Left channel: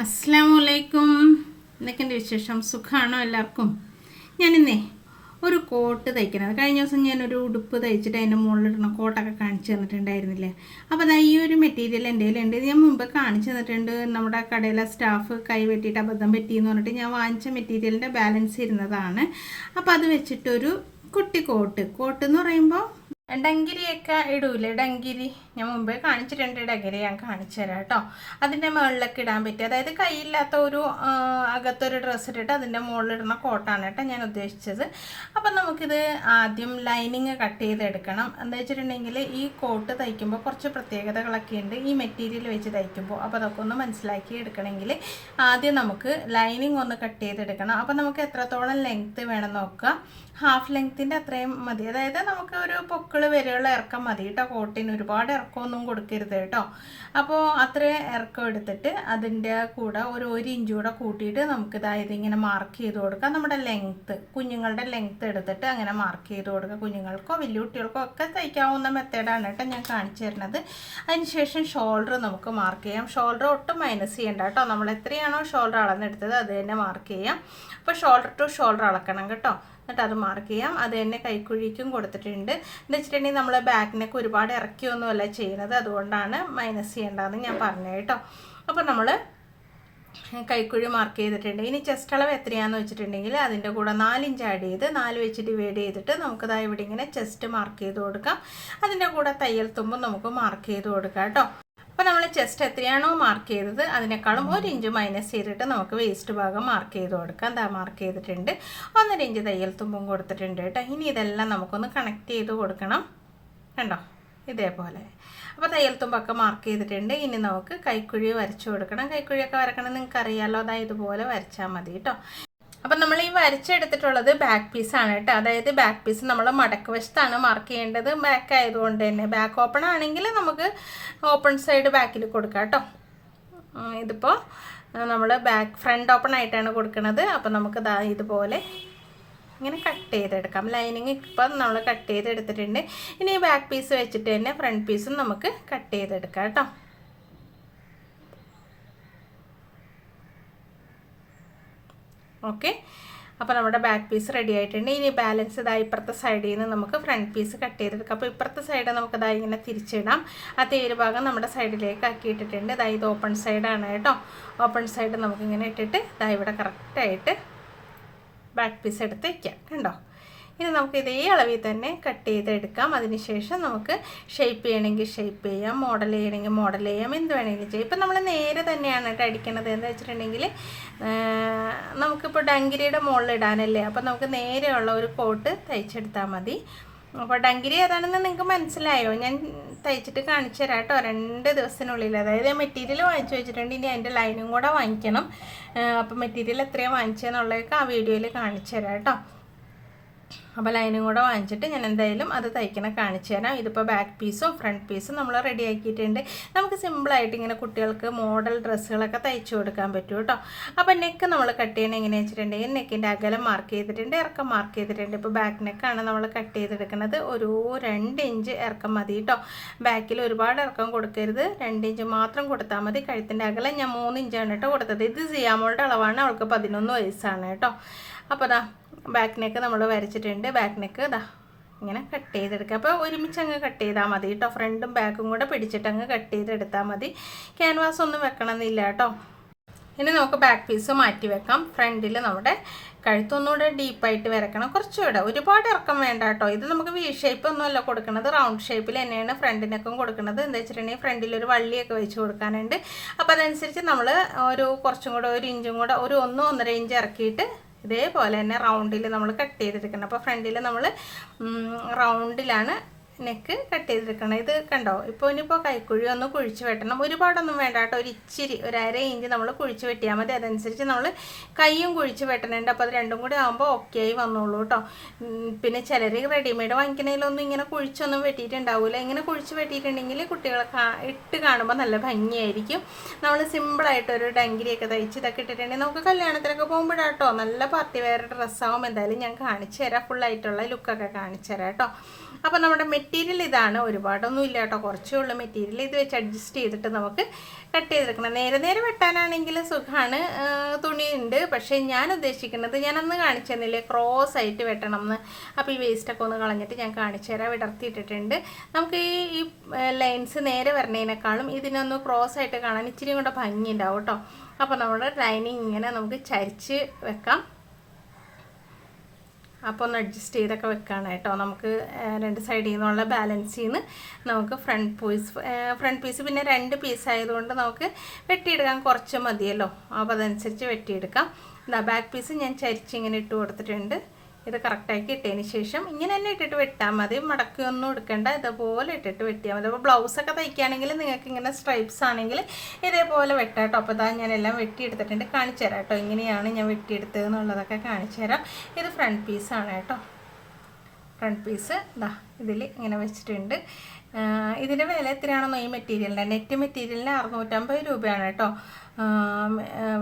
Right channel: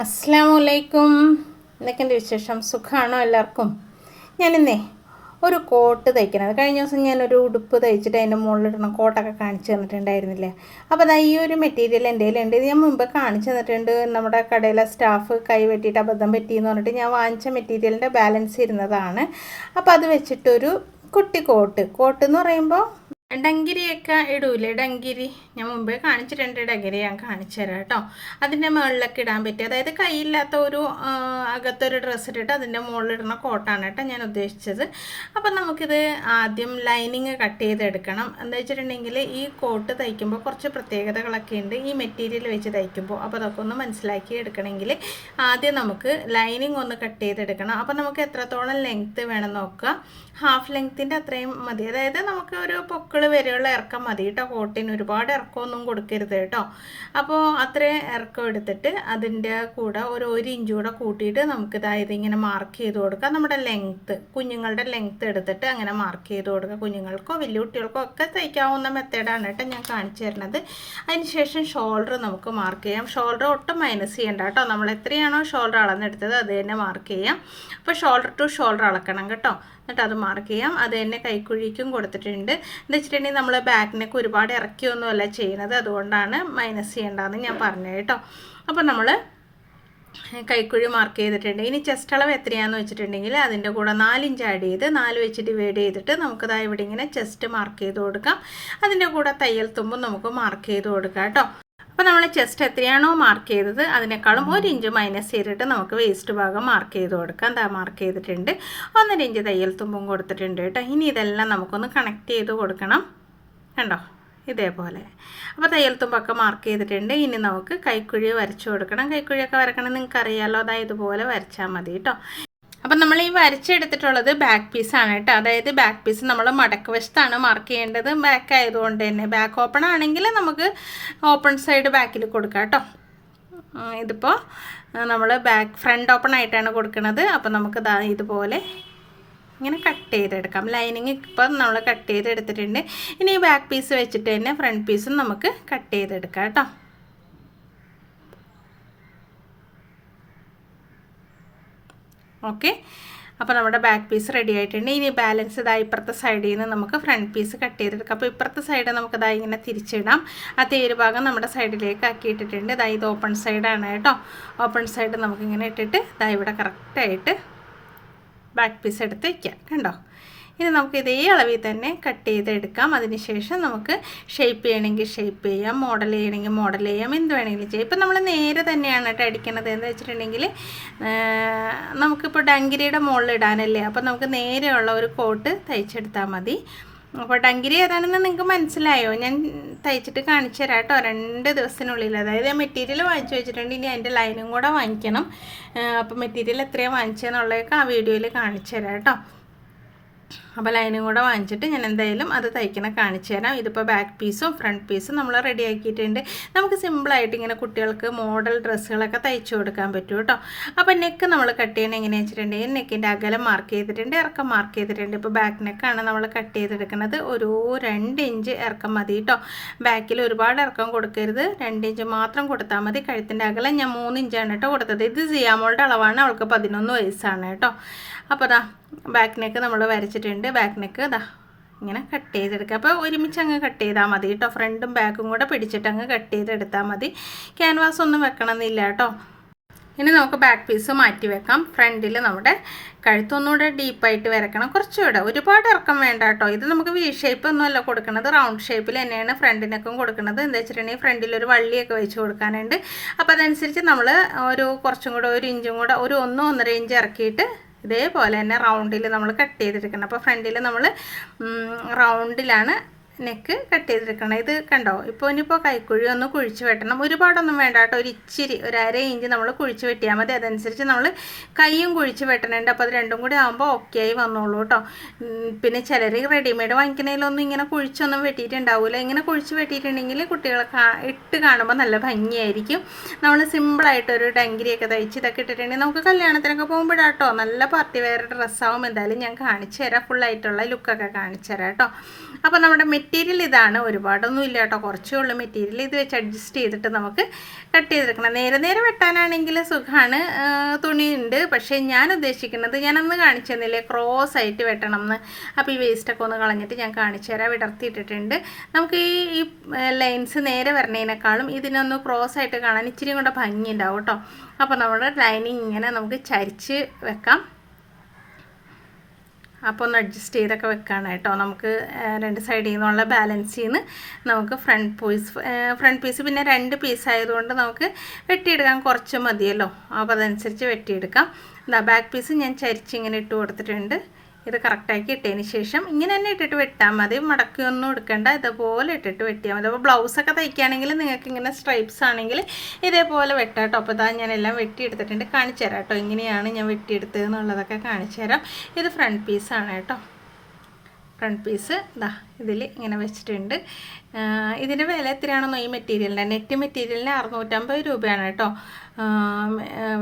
അസ്സാം വലൈക്കും എന്തൊക്കെയുണ്ട് വിശേഷം? സുഖമാണോ എല്ലാവർക്കും? ഞാനിന്നേ ഒരു കോട്ട് തയ്ക്കണത് കഴിഞ്ഞ ദിവസം ഞാനൊരു ഉടുപ്പ് തയ്ച്ചിട്ട് അതിന്റെ മുകളിലിടണം. കോട്ടൊക്കെ കാണിച്ചു തന്നിട്ടുണ്ടായിരുന്നില്ലേ? അപ്പോൾ അതാ ഈ ഒരു മെറ്റീരിയൽ എന്റെ കയ്യിലുണ്ട്. ഇത് ഞാൻ മുമ്പ് കാണിച്ചു തന്നിട്ടുണ്ട്. നമ്മുടെ കടയിലെ സ്റ്റാഫ് കൈ വെട്ടിയിട്ട് അബദ്ധം പറ്റിയെന്ന് പറഞ്ഞിട്ട് ഞാൻ വാങ്ങിച്ച മെറ്റീരിയലിന്റെ ബാലൻസ് ഇരുന്നതാണ്. അപ്പോൾ അത് വെച്ചിട്ടൊരു കുട്ടി കോട്ട്. കോട്ട് എന്ന് പറയുമ്പോൾ ഡങ്കിരിയൊക്കെ ഇടൂലേ? ഡങ്കിരി. ഞാൻ മുമ്പേ കാണിച്ചിട്ടുണ്ട്. ഡങ്കിരി ഞാൻ കാണിച്ചു തരാം കേട്ടോ. അതിന്റെ മുകളിലൊക്കെ ഇടാൻ പറ്റി അതായത് കൈയില്ലാത്ത ഒരു അകത്തൊരു ഡ്രസ്സ് ഇട്ടിട്ട് അതിന്റെ മുകളിലിടുന്ന കോട്ടാണ് കേട്ടോ ഞാൻ ഉദ്ദേശിച്ചത്. അപ്പം നമുക്കിത് ആദ്യം ലൈനിങ് കട്ട് ചെയ്തെടുക്കണം. എന്താ വെച്ചിട്ടുണ്ടെങ്കിൽ ഈ കോട്ട് തയ്ക്കുമ്പോൾ കുറച്ച് പ്രത്യേകതകളൊക്കെ ഉണ്ട്. ഈ മെറ്റീരിയൽ വെച്ച് തയ്ക്കുമ്പോൾ. അപ്പോൾ അതൊക്കെ ഒന്ന് മനസ്സിലാക്കി എടുക്കണമെങ്കിൽ ആദ്യം നമുക്ക് ലൈനിങ് ഒന്ന് കട്ട് ചെയ്തെടുക്കണം. അപ്പോൾ നമുക്ക് എത്രത്തോളം ലെങ്ത്ത് വേണം നോക്കുക. ഹാഫ് ലെങ്ത്തിന്റെ അത്രയും മതി. അതായത് നമുക്ക് ഒരു പൊക്കിൾ വരെയുള്ള ഇറക്കം മതി കേട്ടോ കോട്ടിന്. ഒരുപാട് ഇറക്കമൊന്നും കൊടുക്കരുത് കേട്ടോ. അപ്പോൾ അത്രയും ഇറക്കം എടുത്തിട്ട് അതിന്റെ കൂടെ ഒരു ഒരു ഇഞ്ച് കൂടെ കൂട്ടിയിട്ട് നമുക്ക് ഇതായത് ഇങ്ങനെ മാർക്ക് ചെയ്ത് കൊടുക്കാം. നമ്മുടെ ലെങ്ത്ത് കുഞ്ഞുങ്ങളുടെ ലെങ്ത്ത് എടുത്തിട്ട് അങ്ങനെ മാർക്ക് ചെയ്ത് കൊടുക്കുക കുഞ്ഞുങ്ങൾക്കോ വലിയ കുട്ടികൾക്കോ ഒക്കെ തയ്ക്കാവുന്ന മെത്തേഡാണ് കേട്ടോ ഞാൻ കാണിച്ചു തരുന്നത്. അതിനുശേഷം ഷോൾഡർ നമുക്ക് മാർക്ക് ചെയ്യാം. ഷോൾഡർ ഒട്ടും മൈനസ് ചെയ്യണ്ട കേട്ടോ. നമ്മൾ എത്രയാണോ ഷോൾഡർ അളന്നെടുത്തത് അത് തന്നെ മാർക്ക് ചെയ്യാം. അപ്പോൾ ഷോൾഡർ ടു ഷോൾഡർ അളക്കണം കേട്ടോ. എന്നിട്ട് അത് മാർക്ക് ചെയ്യാം. അത് തന്നെ കൈക്കുഴിക്കും കൊടുത്തിട്ടുണ്ട്. എന്ന് വെച്ചിട്ടുണ്ടെങ്കിൽ നമ്മൾ ബാക്കിനൊക്കെ ഒരുപാട് ഇറക്കിയൊന്നുമല്ല ചെയ്യുന്നത് അതുകൊണ്ടാണ് മൈനസ് ചെയ്യേണ്ടതെന്ന് ഞാൻ പറഞ്ഞു കേട്ടോ. അപ്പോൾ നമ്മൾ കൈക്കുഴി മാർക്ക് ചെയ്തിട്ടുണ്ട്. ഇനി ചെസ്റ്റ് അളവ് എത്രയാണെന്ന് വെച്ചിട്ടുണ്ടെങ്കിൽ അതിന്റെ കൂടെ നാലിഞ്ച് ആഡ് ചെയ്ത് നാല് വെച്ച് ഡിവൈഡ് ചെയ്തിട്ട് നമുക്കതാ ഇവിടെ ഇങ്ങനെ ചെസ്റ്റ് മാർക്ക് ചെയ്ത് കൊടുക്കാം. അതിന്റെ കൂടെ തയ്യൽ തുമ്പും നമുക്ക് മാർക്ക് ചെയ്ത് കൊടുക്കാം കേട്ടോ. അപ്പോൾ നമ്മൾ ചെസ്റ്റ് എത്രയാണോ മാർക്ക് ചെയ്തത് അതിനേക്കാളും ഒരു ഇഞ്ച് മൈനസ് ചെയ്തിട്ട് നമുക്ക് വേസ്റ്റ് ഭാഗം മാർക്ക് ചെയ്ത് കൊടുക്കാം. എന്താ മാർക്ക് ചെയ്തിട്ടുണ്ട്. ഒന്നര ഇഞ്ച് തയ്യൽ തുമ്പും കൊടുത്തിട്ടുണ്ട് കേട്ടോ. ഇനി ഇതെല്ലാം നമുക്കൊന്ന് കണക്ട് ചെയ്ത് കൊടുക്കണം. കണ്ടോ? ഇതേപോലെ. അപ്പോൾ തയ്യൽ തുമ്പൊക്കെ മാർക്ക് ചെയ്തിട്ടുണ്ട്. ഇനി നമുക്ക് കൈക്കുഴി വരച്ചു കൊടുക്കണം. കൈക്കുഴിയൊക്കെ വരക്കണം നിങ്ങൾക്ക് അറിയാമല്ലോ അതായത് ഇതുപോലെ വരച്ചാൽ മതി കേട്ടോ. അപ്പം നമ്മൾ ഈ വരച്ചെടുത്തിട്ടുള്ളത് ബാക്ക് പീസാണ് കേട്ടോ. അതായത് ബാക്ക് പീസ് നമ്മൾ മടക്ക് വശത്താണ് മാർക്ക് ചെയ്യേണ്ടത്. ബാക്ക് ആയതുകൊണ്ട് തന്നെ. ബാക്ക് ഓപ്പൺ ആണെങ്കിൽ നമുക്ക് ഓപ്പൺ സൈഡ് ബാക്കിൽ കൊടുക്കാം കേട്ടോ. ഇതിപ്പോൾ നമ്മൾ ബാക്ക് ഫ്രണ്ട് ഓപ്പൺ ആയിട്ടാണ് കൊടുക്കുന്നത് അപ്പോൾ നമുക്ക് ദാ ഇതുപോലെ ഇങ്ങനെ കട്ട് ചെയ്തെടുക്കാം. ലൈനിങ് ഇപ്പം നമ്മൾ കട്ട് ചെയ്തെടുത്തിട്ടുണ്ട്. ഇനി ഈ ബാക്ക് പീസ് വെച്ചിട്ട് തന്നെ ഫ്രണ്ട് പീസും നമുക്ക് കട്ട് ചെയ്തെടുക്കാം കേട്ടോ. ഓക്കെ അപ്പോൾ നമ്മുടെ ബാക്ക് പീസ് റെഡി ആയിട്ടുണ്ട്. ഇനി ബാലൻസ് ഇതാ ഇപ്പുറത്തെ സൈഡിൽ നിന്ന് നമുക്ക് ഫ്രണ്ട് പീസ് കട്ട് ചെയ്തെടുക്കാം. അപ്പോൾ ഇപ്പുറത്തെ സൈഡ് നമുക്ക് ഇതാ ഇങ്ങനെ തിരിച്ചിടാം. ആ തേര് ഭാഗം നമ്മുടെ സൈഡിലേക്ക് ആക്കി ഇട്ടിട്ടുണ്ട് ഇതാ ഇത് ഓപ്പൺ സൈഡാണ് കേട്ടോ. ഓപ്പൺ സൈഡ് നമുക്കിങ്ങനെ ഇട്ടിട്ട് ഇതാ ഇവിടെ കറക്റ്റായിട്ട് ബാക്ക് പീസ് എടുത്ത് വയ്ക്കാം കണ്ടോ? ഇനി നമുക്ക് ഇതേ അളവിൽ തന്നെ കട്ട് ചെയ്തെടുക്കാം. അതിനുശേഷം നമുക്ക് ഷേപ്പ് ചെയ്യണമെങ്കിൽ ഷേപ്പ് ചെയ്യാം മോഡൽ ചെയ്യണമെങ്കിൽ മോഡൽ ചെയ്യാം എന്ത് വേണമെങ്കിലും ചെയ്യാം. ഇപ്പം നമ്മൾ നേരെ തന്നെയാണ് കേട്ടോ അടിക്കണത്. എന്ന് വെച്ചിട്ടുണ്ടെങ്കിൽ നമുക്കിപ്പോൾ ഡങ്കിരിയുടെ മുകളിൽ ഇടാനല്ലേ? അപ്പോൾ നമുക്ക് നേരെയുള്ള ഒരു കോട്ട് തയ്ച്ചെടുത്താൽ മതി. അപ്പോൾ ഡങ്കിരി ഏതാണെന്ന് നിങ്ങൾക്ക് മനസ്സിലായോ? ഞാൻ തയ്ച്ചിട്ട് കാണിച്ചു തരാം കേട്ടോ. രണ്ട് ദിവസത്തിനുള്ളിൽ അതായത് മെറ്റീരിയൽ വാങ്ങിച്ചു വെച്ചിട്ടുണ്ട്. ഇനി അതിന്റെ ലൈനും കൂടെ വാങ്ങിക്കണം. അപ്പോൾ മെറ്റീരിയൽ എത്രയാണ് വാങ്ങിച്ചതെന്നുള്ളതൊക്കെ ആ വീഡിയോയിൽ കാണിച്ചു തരാം കേട്ടോ. അപ്പോൾ ലൈനും കൂടെ വാങ്ങിച്ചിട്ട് ഞാൻ എന്തായാലും അത് തയ്ക്കണ കാണിച്ചു തരാം. ഇതിപ്പോൾ ബാക്ക് പീസും ഫ്രണ്ട് പീസും നമ്മൾ റെഡി ആക്കിയിട്ടുണ്ട്. നമുക്ക് സിമ്പിളായിട്ട് ഇങ്ങനെ കുട്ടികൾക്ക് മോഡൽ ഡ്രസ്സുകളൊക്കെ തയ്ച്ചു കൊടുക്കാൻ പറ്റും കേട്ടോ. അപ്പോൾ നെക്ക് നമ്മൾ കട്ട് ചെയ്യണ എങ്ങനെയാണെന്ന് വെച്ചിട്ടുണ്ടെങ്കിൽ നെക്കിന്റെ അകലം മാർക്ക് ചെയ്തിട്ടുണ്ട് ഇറക്കം മാർക്ക് ചെയ്തിട്ടുണ്ട്. ഇപ്പോൾ ബാക്ക് നെക്കാണ് നമ്മൾ കട്ട് ചെയ്തെടുക്കുന്നത്. ഒരു രണ്ട് ഇഞ്ച് ഇറക്കം മതി കേട്ടോ. ബാക്കിൽ ഒരുപാട് ഇറക്കം കൊടുക്കരുത്. രണ്ട് ഇഞ്ച് മാത്രം കൊടുത്താൽ മതി. കഴുത്തിന്റെ അകലം ഞാൻ മൂന്ന് ഇഞ്ചാണ് കേട്ടോ കൊടുത്തത്. ഇത് സിയാമോളുടെ അളവാണ്. അവൾക്ക് പതിനൊന്ന് വയസ്സാണ് കേട്ടോ. അപ്പോൾ ദാ ബാക്ക് നെക്ക് നമ്മൾ വരച്ചിട്ടുണ്ട്. ബാക്ക് നെക്ക് ദാ ഇങ്ങനെ കട്ട് ചെയ്തെടുക്കുക അപ്പോൾ ഒരുമിച്ച് അങ്ങ് കട്ട് ചെയ്താൽ മതി കേട്ടോ ഫ്രണ്ടും ബാക്കും കൂടെ പിടിച്ചിട്ട് അങ്ങ് കട്ട് ചെയ്തെടുത്താൽ മതി. ക്യാൻവാസ് ഒന്നും വെക്കണമെന്നില്ല കേട്ടോ ഇനി നമുക്ക് ബാക്ക് പീസ് മാറ്റി വെക്കാം. ഫ്രണ്ടിൽ നമ്മുടെ കഴുത്തൊന്നുകൂടെ ഡീപ്പായിട്ട് വരക്കണം. കുറച്ചുകൂടെ. ഒരുപാട് ഇറക്കം വേണ്ട കേട്ടോ ഇത് നമുക്ക് വി ഷേപ്പ് ഒന്നുമല്ല കൊടുക്കുന്നത് റൗണ്ട് ഷേപ്പിൽ തന്നെയാണ് ഫ്രണ്ടിനൊക്കെ കൊടുക്കുന്നത് എന്താ വെച്ചിട്ടുണ്ടെങ്കിൽ ഫ്രണ്ടിൽ ഒരു വള്ളിയൊക്കെ വെച്ച് കൊടുക്കാനുണ്ട്. അപ്പോൾ അതനുസരിച്ച് നമ്മൾ ഒരു കുറച്ചും കൂടെ ഒരു ഇഞ്ചും കൂടെ ഒരു ഒന്നോ ഒന്നര ഇഞ്ച് ഇറക്കിയിട്ട് ഇതേപോലെ തന്നെ റൗണ്ടിൽ നമ്മൾ കട്ട് ചെയ്തെടുക്കണം അപ്പോൾ ഫ്രണ്ടിൽ നമ്മൾ റൗണ്ടിലാണ് നെക്ക് കട്ട് ചെയ്തെടുക്കണം. ഇത് കണ്ടോ? ഇപ്പോൾ ഇനിയിപ്പോൾ കൈക്കുഴി ഒന്ന് കുഴിച്ച് വെട്ടണം. ഒരുപാടൊന്നും വേണ്ട കേട്ടോ. ഒരു ഇച്ചിരി ഒരു അര ഇഞ്ച് നമ്മൾ കുഴിച്ച് വെട്ടിയാൽ മതി. അതനുസരിച്ച് നമ്മൾ കൈയും കുഴിച്ച് വെട്ടണുണ്ട്. അപ്പോൾ അത് രണ്ടും കൂടി ആകുമ്പോൾ ഓക്കെ ആയി വന്നോളൂ കേട്ടോ. പിന്നെ ചിലർ റെഡിമെയ്ഡ് വാങ്ങിക്കുന്നതിലൊന്നും ഇങ്ങനെ കുഴിച്ചൊന്നും വെട്ടിയിട്ടുണ്ടാവില്ല ഇങ്ങനെ കുഴിച്ച് വെട്ടിയിട്ടുണ്ടെങ്കിൽ കുട്ടികളെ ഇട്ട് കാണുമ്പോൾ നല്ല ഭംഗിയായിരിക്കും. നമ്മൾ സിമ്പിളായിട്ട് ഒരു ഡങ്കിരിയൊക്കെ തയ്ച്ച് ഇതൊക്കെ ഇട്ടിട്ടുണ്ടെങ്കിൽ നമുക്ക് കല്യാണത്തിനൊക്കെ പോകുമ്പോഴാട്ടോ നല്ല പാർട്ടി വെയർ ഡ്രസ്സാവും എന്തായാലും ഞാൻ കാണിച്ചു തരാം. ഫുള്ളായിട്ടുള്ള ലുക്കൊക്കെ കാണിച്ചു തരാം കേട്ടോ. അപ്പോൾ നമ്മുടെ മെറ്റീരിയൽ ഇതാണ്. ഒരുപാടൊന്നും ഇല്ല കേട്ടോ. കുറച്ചേ ഉള്ളൂ മെറ്റീരിയൽ. ഇത് വെച്ച് അഡ്ജസ്റ്റ് ചെയ്തിട്ട് നമുക്ക് കട്ട് ചെയ്തെടുക്കണം. നേരെ നേരെ വെട്ടാനാണെങ്കിൽ സുഖമാണ് തുണി ഉണ്ട് പക്ഷേ ഞാൻ ഉദ്ദേശിക്കുന്നത് ഞാനന്ന് കാണിച്ചു തന്നില്ലേ ക്രോസ് ആയിട്ട് വെട്ടണം എന്ന്. അപ്പോൾ ഈ വേസ്റ്റൊക്കെ ഒന്ന് കളഞ്ഞിട്ട് ഞാൻ കാണിച്ചു തരാം. വിടർത്തിയിട്ടിട്ടുണ്ട്. നമുക്ക് ഈ ഈ ലൈൻസ് നേരെ വരണേനേക്കാളും ഇതിനൊന്ന് ക്രോസ് ആയിട്ട് കാണാൻ ഇച്ചിരി കൂടെ ഭംഗി ഉണ്ടാവും കേട്ടോ. അപ്പോൾ നമ്മുടെ ലൈനിങ് ഇങ്ങനെ നമുക്ക് ചരിച്ച് വെക്കാം. അപ്പോൾ ഒന്ന് അഡ്ജസ്റ്റ് ചെയ്തൊക്കെ വെക്കാണ് കേട്ടോ. നമുക്ക് രണ്ട് സൈഡിൽ നിന്നുള്ള ബാലൻസ് നിന്ന് നമുക്ക് ഫ്രണ്ട് പീസ് ഫ്രണ്ട് പീസ് പിന്നെ രണ്ട് പീസ് ആയതുകൊണ്ട് നമുക്ക് വെട്ടിയെടുക്കാൻ കുറച്ച് മതിയല്ലോ. അപ്പോൾ അതനുസരിച്ച് വെട്ടിയെടുക്കാം. എന്താ ബാക്ക് പീസ് ഞാൻ ചരിച്ച് ഇങ്ങനെ ഇട്ട് കൊടുത്തിട്ടുണ്ട്. ഇത് കറക്റ്റാക്കി ഇട്ടതിന് ശേഷം ഇങ്ങനെ തന്നെ ഇട്ടിട്ട് വെട്ടാൽ മതി. മടക്കൊന്നും എടുക്കേണ്ട. ഇതുപോലെ ഇട്ടിട്ട് വെട്ടിയാൽ മതി. അപ്പോൾ ബ്ലൗസൊക്കെ തയ്ക്കുകയാണെങ്കിൽ നിങ്ങൾക്ക് ഇങ്ങനെ സ്ട്രൈപ്സ് ആണെങ്കിൽ ഇതേപോലെ വെട്ടാം കേട്ടോ അപ്പോൾ ഇതാ ഞാൻ എല്ലാം വെട്ടിയെടുത്തിട്ടുണ്ട്. കാണിച്ചു തരാം കേട്ടോ ഇങ്ങനെയാണ് ഞാൻ വെട്ടിയെടുത്തത് എന്നുള്ളതൊക്കെ കാണിച്ചു തരാം ഇത് ഫ്രണ്ട് പീസാണ് കേട്ടോ ഫ്രണ്ട് പീസ് ഇതാ ഇതിൽ ഇങ്ങനെ വെച്ചിട്ടുണ്ട്. ഇതിന്റെ വില എത്രയാണെന്നോ ഈ മെറ്റീരിയലിന്റെ നെറ്റ് മെറ്റീരിയലിന് അറുന്നൂറ്റമ്പത് രൂപയാണ് കേട്ടോ.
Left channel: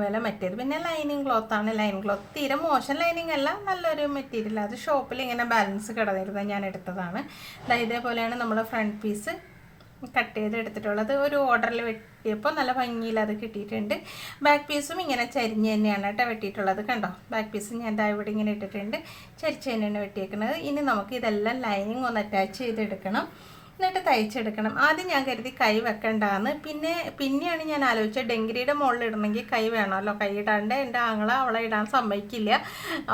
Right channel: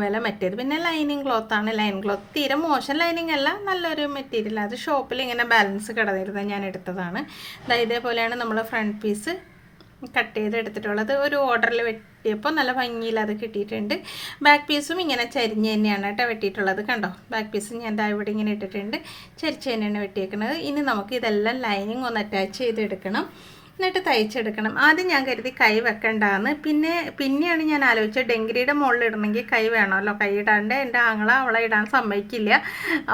വില മെറ്റീരിയൽ പിന്നെ ലൈനിങ് ക്ലോത്താണ് ലൈൻ ക്ലോത്ത് തീരെ മോശം ലൈനിങ് അല്ല നല്ലൊരു മെറ്റീരിയൽ. അത് ഷോപ്പിൽ ഇങ്ങനെ ബാലൻസ് കിടന്നിരുന്നത് ഞാൻ എടുത്തതാണ്. ഇതേപോലെയാണ് നമ്മൾ ഫ്രണ്ട് പീസ് കട്ട് ചെയ്ത് എടുത്തിട്ടുള്ളത് ഒരു ഓർഡറിൽ വെട്ടിയപ്പോൾ നല്ല ഭംഗിയിൽ അത് കിട്ടിയിട്ടുണ്ട്. ബാക്ക് പീസും ഇങ്ങനെ ചരിഞ്ഞ് തന്നെയാണ് കേട്ടോ വെട്ടിയിട്ടുള്ളത് കണ്ടോ? ബാക്ക് പീസ് ഞാൻ ദാ ഇവിടെ ഇങ്ങനെ ഇട്ടിട്ടുണ്ട്. ചരിച്ച് തന്നെയാണ് വെട്ടിയേക്കുന്നത് ഇനി നമുക്ക് ഇതെല്ലാം ലൈനിങ് ഒന്ന് അറ്റാച്ച് ചെയ്തെടുക്കണം. എന്നിട്ട് തയ്ച്ചെടുക്കണം. ആദ്യം ഞാൻ കരുതി കൈ വെക്കണ്ടെന്ന്. പിന്നെ പിന്നെയാണ് ഞാൻ ആലോചിച്ചത് ഡെങ്കിരിയുടെ മുകളിൽ ഇടണമെങ്കിൽ കൈ വേണമല്ലോ. കൈ ഇടാണ്ട് എന്റെ ആങ്ങള അവളെ ഇടാൻ സമ്മതിക്കില്ല.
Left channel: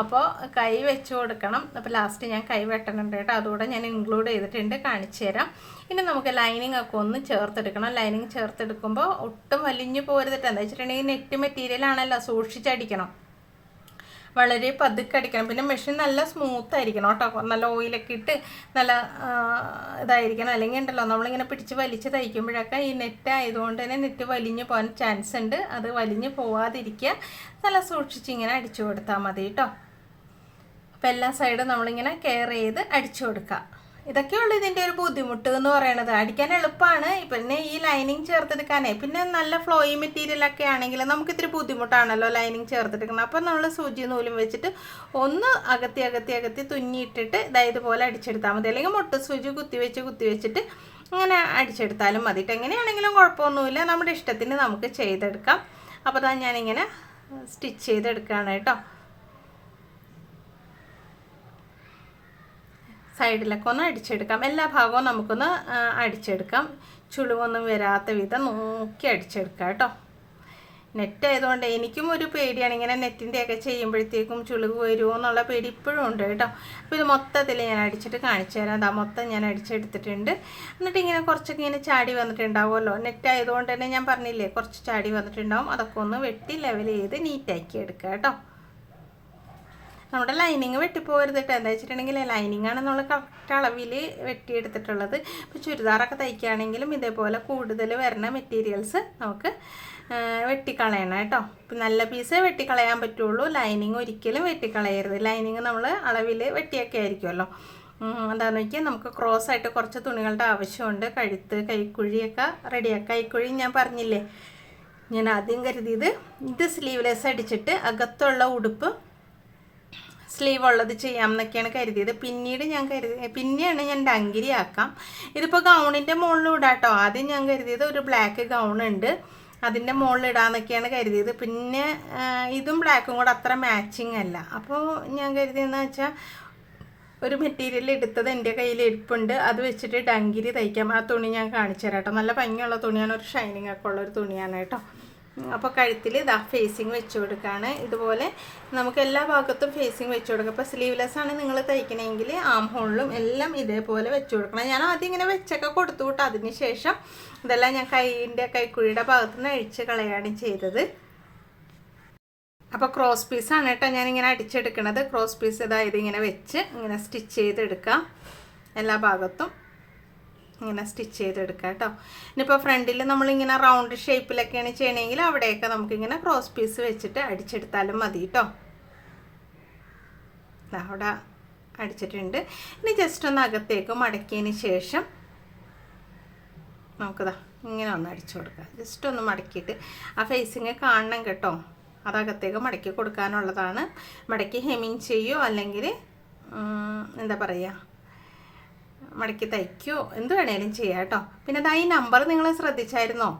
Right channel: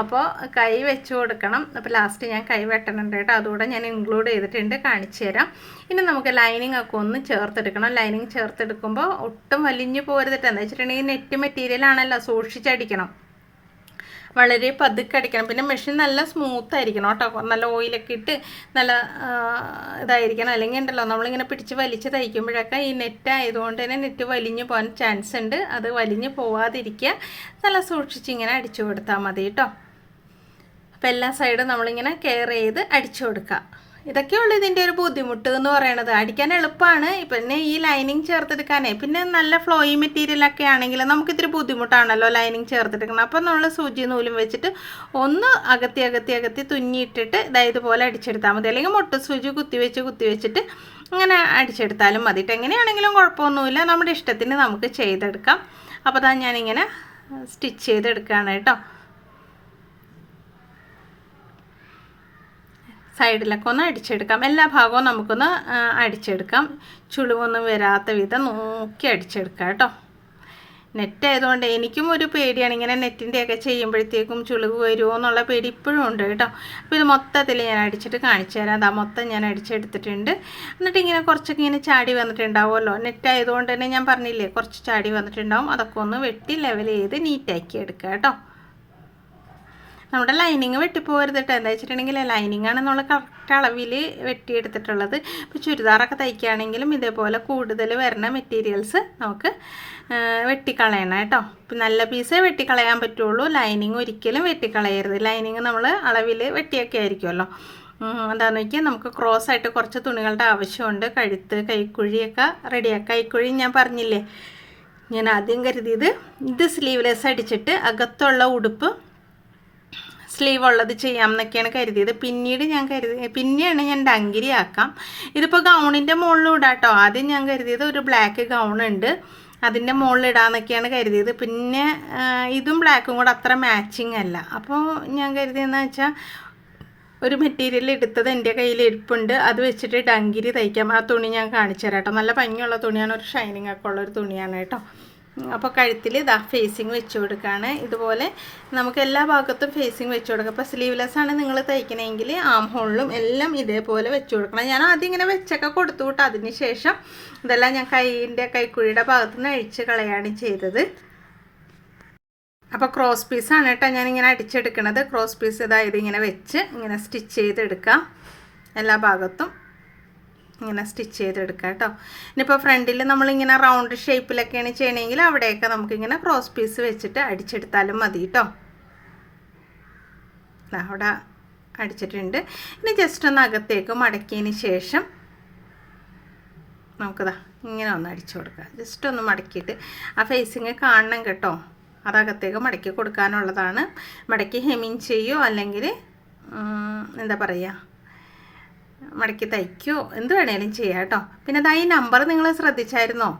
അപ്പോൾ കൈ വെച്ച് കൊടുക്കണം. അപ്പോൾ ലാസ്റ്റ് ഞാൻ കൈ വെട്ടണുണ്ട് കേട്ടോ. അതുകൂടെ ഞാൻ ഇൻക്ലൂഡ് ചെയ്തിട്ടുണ്ട്. കാണിച്ചു തരാം. ഇനി നമുക്ക് ലൈനിങ് ഒക്കെ ഒന്ന് ചേർത്തെടുക്കണം. ലൈനിങ് ചേർത്തെടുക്കുമ്പോൾ ഒട്ടും വലിഞ്ഞു പോരുതിട്ട് എന്താ വെച്ചിട്ടുണ്ടെങ്കിൽ നെറ്റ് മെറ്റീരിയൽ ആണല്ലോ സൂക്ഷിച്ചടിക്കണം വളരെ പതുക്കെ അടിക്കണം. പിന്നെ മെഷീൻ നല്ല സ്മൂത്ത് ആയിരിക്കണം കേട്ടോ. നല്ല ഓയിലൊക്കെ ഇട്ട് നല്ല ഇതായിരിക്കണം. അല്ലെങ്കിൽ ഉണ്ടല്ലോ നമ്മളിങ്ങനെ പിടിച്ച് വലിച്ച് തയ്ക്കുമ്പോഴൊക്കെ ഈ നെറ്റ് ആയതുകൊണ്ട് തന്നെ നെറ്റ് വലിഞ്ഞു പോകാൻ ചാൻസ് ഉണ്ട്. അത് വലിഞ്ഞു പോവാതിരിക്കുക. നല്ല സൂക്ഷിച്ച് ഇങ്ങനെ അടിച്ചു കൊടുത്താൽ മതി കേട്ടോ. അപ്പോൾ എല്ലാ സൈഡും നമ്മളിങ്ങനെ കെയർ ചെയ്ത് അടിച്ചു കൊടുക്കുക. ഇതൊക്കെയുള്ളൂ ഇതിന്റെ ഒരു ബുദ്ധിമുട്ട് എന്ന് പറയണത്. അടിക്കാൻ എളുപ്പമാണ് പിന്നെ ഈ ലൈനിങ് ചേർത്തെടുക്കാനേ പിന്നെ നല്ല ഫ്ലോയി മെറ്റീരിയലൊക്കെ ആണെങ്കിൽ നമുക്ക് ഇത്തിരി ബുദ്ധിമുട്ടാണല്ലോ ലൈനിങ് ചേർത്തെടുക്കണം അപ്പം നമ്മൾ സൂചി നൂലും വെച്ചിട്ട് ഒന്ന് അകത്തി അകത്തി അകത്തി തുന്നിയിട്ടിട്ട് ഇതാ ഇതുപോലെ അടിച്ചെടുത്താൽ മതി. അല്ലെങ്കിൽ മുട്ട സൂചി കുത്തി വെച്ച് കുത്തി വെച്ചിട്ട് അങ്ങനെ അടിച്ചെടുത്താലും മതിയിട്ട് എങ്ങനെയാണെങ്കിലും കുഴപ്പമൊന്നുമില്ല. നമ്മുടെ ഇഷ്ടത്തിന് നമുക്ക് ചെയ്തെടുക്കാം. അപ്പോൾ അതാ ഞാനിങ്ങനെ സ്റ്റിച്ച് ചെയ്തെടുക്കുകയാണ് കേട്ടോ. സൈഡിലൊക്കെ ഒന്ന് അടിച്ചെടുക്കാം. എല്ലാ ഭാഗവും നമുക്കൊന്ന് അടിച്ചെടുക്കാം. ചുളിവൊന്നും വരാത്ത വിധം നോക്കി അടിച്ചെടുക്കാം കേട്ടോ. നെറ്റ് ആയതുകൊണ്ട് എനിക്കും ഒരു പേടിയാണ്. ഇങ്ങനെ നെറ്റിന്റെയൊക്കെ ചെയ്യുമ്പോഴത്തേക്കും ചുളിവ് വരുമോ എന്നുള്ള പേടി ഇപ്പോഴും ഉണ്ട് കേട്ടോ. അപ്പോൾ ഇത് മൊത്തത്തിൽ ഞാൻ അടിച്ചിട്ട് കാണിച്ചു തരാം. അതാ മൊത്തം ഞാൻ അടിച്ചെടുത്തിട്ടുണ്ട്. എന്നിട്ട് ഇങ്ങനെ കുറച്ചൊക്കെ ഇങ്ങനെ ചാടി വന്നിട്ടുണ്ടാവുമല്ലോ. നെറ്റ് ആയതുകൊണ്ട് തന്നെ ഞാൻ പറഞ്ഞില്ലേ കുറച്ച് ചാടി വന്നിട്ടുണ്ടാവും. അതൊക്കെ ഒന്ന് വെട്ടി ലെവൽ ചെയ്ത് നീറ്റാക്കി എടുക്കുക കേട്ടോ. നമ്മുടെ ലൈനിങ് വെട്ടിപ്പോകരുത് കേട്ടോ എന്താ വെച്ചിട്ടുണ്ടെങ്കിൽ ലൈനിങ് ആണ് നമ്മൾ കറക്റ്റ് അളവിൽ വെട്ടിയെടുത്തിട്ടുള്ളത്. ഇപ്പോൾ ചുരിദാറൊക്കെ തയ്ക്കുകയാണെങ്കിലും ഇതേപോലെ കൂടുതൽ വരുന്ന മെറ്റീരിയൽസ് നമുക്ക് വെട്ടിക്കളയണം കേട്ടോ. ഇപ്പം നല്ല പീസേ വെട്ടിക്കളയാൻ പറ്റുള്ളൂ. ലൈനിങ് ഒരിക്കലും വെട്ടിക്കളയരുത്. ലൈനിങ് നമ്മൾ അളവിൽ വെട്ടിയൊക്കെ ആയിരിക്കുമല്ലോ. എന്താണെന്ന് വെച്ചാൽ നമുക്ക് ക്രോസ് ആയിട്ട് കുറച്ച് തുണികളുടെ ആവശ്യമുണ്ട്. കഴുത്ത് കൈക്കുഴിയൊക്കെ റെഡിയാക്കാം കൈക്കുഴി ഞാൻ പറഞ്ഞില്ലേ? ഞാൻ ആദ്യം കരുതിയത് ഇത് സ്ലീവ്ലെസ് അടിച്ചിട്ട് അകത്തുള്ള ഉടുപ്പ് സ്ലീവ് ഉള്ളത് ചെയ്യാം എന്നൊക്കെയാണ് കരുതിയത്. പിന്നീട് ഞാൻ കരുതി പിന്നെയാണ് ഞാൻ ഡങ്കിരി ആക്കാം ഇതിപ്പോൾ ഗൗണിന്റെ മുകളിൽ ഇടാം കേട്ടോ ആദ്യം ഞാൻ കരുതിയത് ഒരു ബ്ലാക്ക് ഗൗൺ ഉണ്ട്. അതിന്റെ മുകളിൽ ഇടാന്നൊക്കെയാണ് കരുതിയത്. പിന്നെ ഇതും ബ്ലാക്കും കൂടെ അത്ര മാച്ചിങ് അല്ല. അപ്പോൾ ഞാൻ കരുതിയെന്ന് വെച്ചാൽ ഒരു മെറ്റീരിയൽ എടുത്തത് എന്റെ കയ്യിൽ ഇരിപ്പുണ്ട്. അത് വെച്ചിട്ട് ഡങ്കിരി തയ്ക്കാം. ആ തുണി ഞാൻ കാണിച്ചു തരാം കേട്ടോ. നല്ല ഭംഗിയുള്ള തുണിയാണ്. ഒരു ഷൈനിങ് ഒക്കെ ഉള്ളൊരു തുണിയാണ് കേട്ടോ. അപ്പോൾ കഴുത്തിൽ ഇതാ ഫേസിങ് വെച്ച് കൊടുക്കുകയാണ് ഇതുപോലെ നമുക്ക് എല്ലാ ഭാഗത്തും ഫേസിങ് വെച്ച് കൊടുക്കുക അപ്പോൾ സ്ലീവ്ലെസ് ആണ് നിങ്ങൾ തയ്ക്കണമെങ്കിൽ ആം ഹോളിലും എല്ലാം ഇതേപോലെ വെച്ച് കൊടുക്കണം. ഞാൻ ആദ്യം ഇങ്ങനെ വെച്ചൊക്കെ കൊടുത്തു വിട്ട് അതിന് ശേഷം ഇതെല്ലാം ഞാൻ കൈയിന്റെ കൈക്കുഴിയുടെ ഭാഗത്ത് നിന്ന് അഴിച്ച് കളയാണ് ചെയ്തത്. അപ്പോൾ ക്രോസ് പീസാണ് കേട്ടോ ഞാനിങ്ങനെ അടിച്ചെടുക്കണത്. ക്രോസ് പീസ് ഇതായത് ഇങ്ങനെ വെച്ച് ഇങ്ങനെ സ്റ്റിച്ച് ചെയ്തെടുക്കാം. എല്ലാ ഭാഗത്തും. ഇങ്ങനെ സ്റ്റിച്ച് ചെയ്തെടുക്കുക കേട്ടോ. ഇനിയിപ്പോൾ ഫ്രണ്ടിൽ നമ്മളിങ്ങനെ റൗണ്ട് ഷേപ്പിലൊക്കെയാണ് ചെയ്യണമെങ്കിൽ അവിടെയൊക്കെ നമുക്കിങ്ങനെ ക്രോസ് പീസ് വെച്ചിട്ട് അടിച്ചെടുത്താലും മതി കേട്ടോ. അവിടെ അടിച്ചിട്ടുണ്ട്. ഇനി ജസ്റ്റ് ഒന്ന് അകത്തേക്ക് മടക്കിയതിന് ശേഷം നമുക്കതാ ഇങ്ങനെ ഒന്ന് അടിച്ചു കൊടുക്കുക ജസ്റ്റ് ഒന്ന് മടക്കിയിട്ട് ആ ഫേസിങ് കാണണം കേട്ടോ. അതകത്തേക്ക് മടക്കി കൊടുക്കാനുള്ളതാണ്. മടക്കി ഹെമിങ് ചെയ്യുമോ അല്ലെങ്കിൽ എന്താ പറയുക മടക്കി തയ്ക്കുകയോ എന്ത് വേണേലും ചെയ്യാം കേട്ടോ. പിന്നെ അതാ ഈ നമ്പർ നിങ്ങൾ ശ്രദ്ധിച്ചായിരുന്നോ?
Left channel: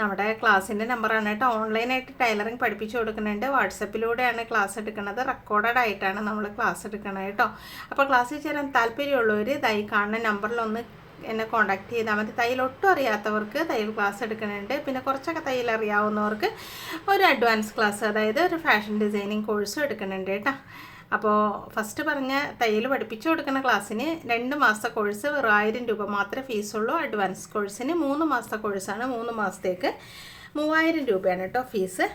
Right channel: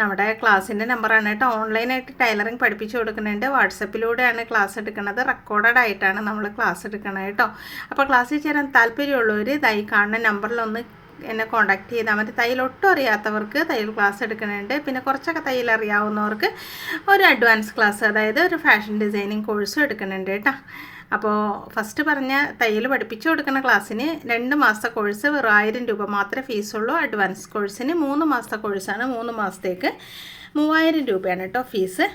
നമ്മുടെ ക്ലാസ്സിന്റെ നമ്പറാണ് കേട്ടോ. ഓൺലൈനായിട്ട് ടൈലറിങ് പഠിപ്പിച്ചു കൊടുക്കുന്നുണ്ട്. വാട്സപ്പിലൂടെയാണ് ക്ലാസ് എടുക്കുന്നത്. റെക്കോർഡഡ് ആയിട്ടാണ് നമ്മൾ ക്ലാസ് എടുക്കുന്നത് കേട്ടോ. അപ്പോൾ ക്ലാസ്സിൽ ചേരാൻ താല്പര്യമുള്ളവർ ഇതായി കാണുന്ന നമ്പറിലൊന്ന് എന്നെ കോൺടാക്ട് ചെയ്താൽ മതി. തയ്യൽ ഒട്ടും അറിയാത്തവർക്ക് തയ്യൽ ക്ലാസ് എടുക്കുന്നുണ്ട്. പിന്നെ കുറച്ചൊക്കെ തയ്യൽ അറിയാവുന്നവർക്ക് ഒരു അഡ്വാൻസ് ക്ലാസ് അതായത് ഒരു ഫാഷൻ ഡിസൈനിങ് കോഴ്സും എടുക്കുന്നുണ്ട് കേട്ടോ. അപ്പോൾ ഫസ്റ്റ് പറഞ്ഞ തയ്യൽ പഠിപ്പിച്ചു കൊടുക്കുന്ന ക്ലാസ്സിന് രണ്ട് മാസത്തെ കോഴ്സ് വെറും ആയിരം രൂപ മാത്രമേ ഫീസുള്ളൂ അഡ്വാൻസ് കോഴ്സിന് മൂന്ന് മാസത്തെ കോഴ്സാണ് മൂന്ന് മാസത്തേക്ക് മൂവായിരം രൂപയാണ് കേട്ടോ ഫീസ്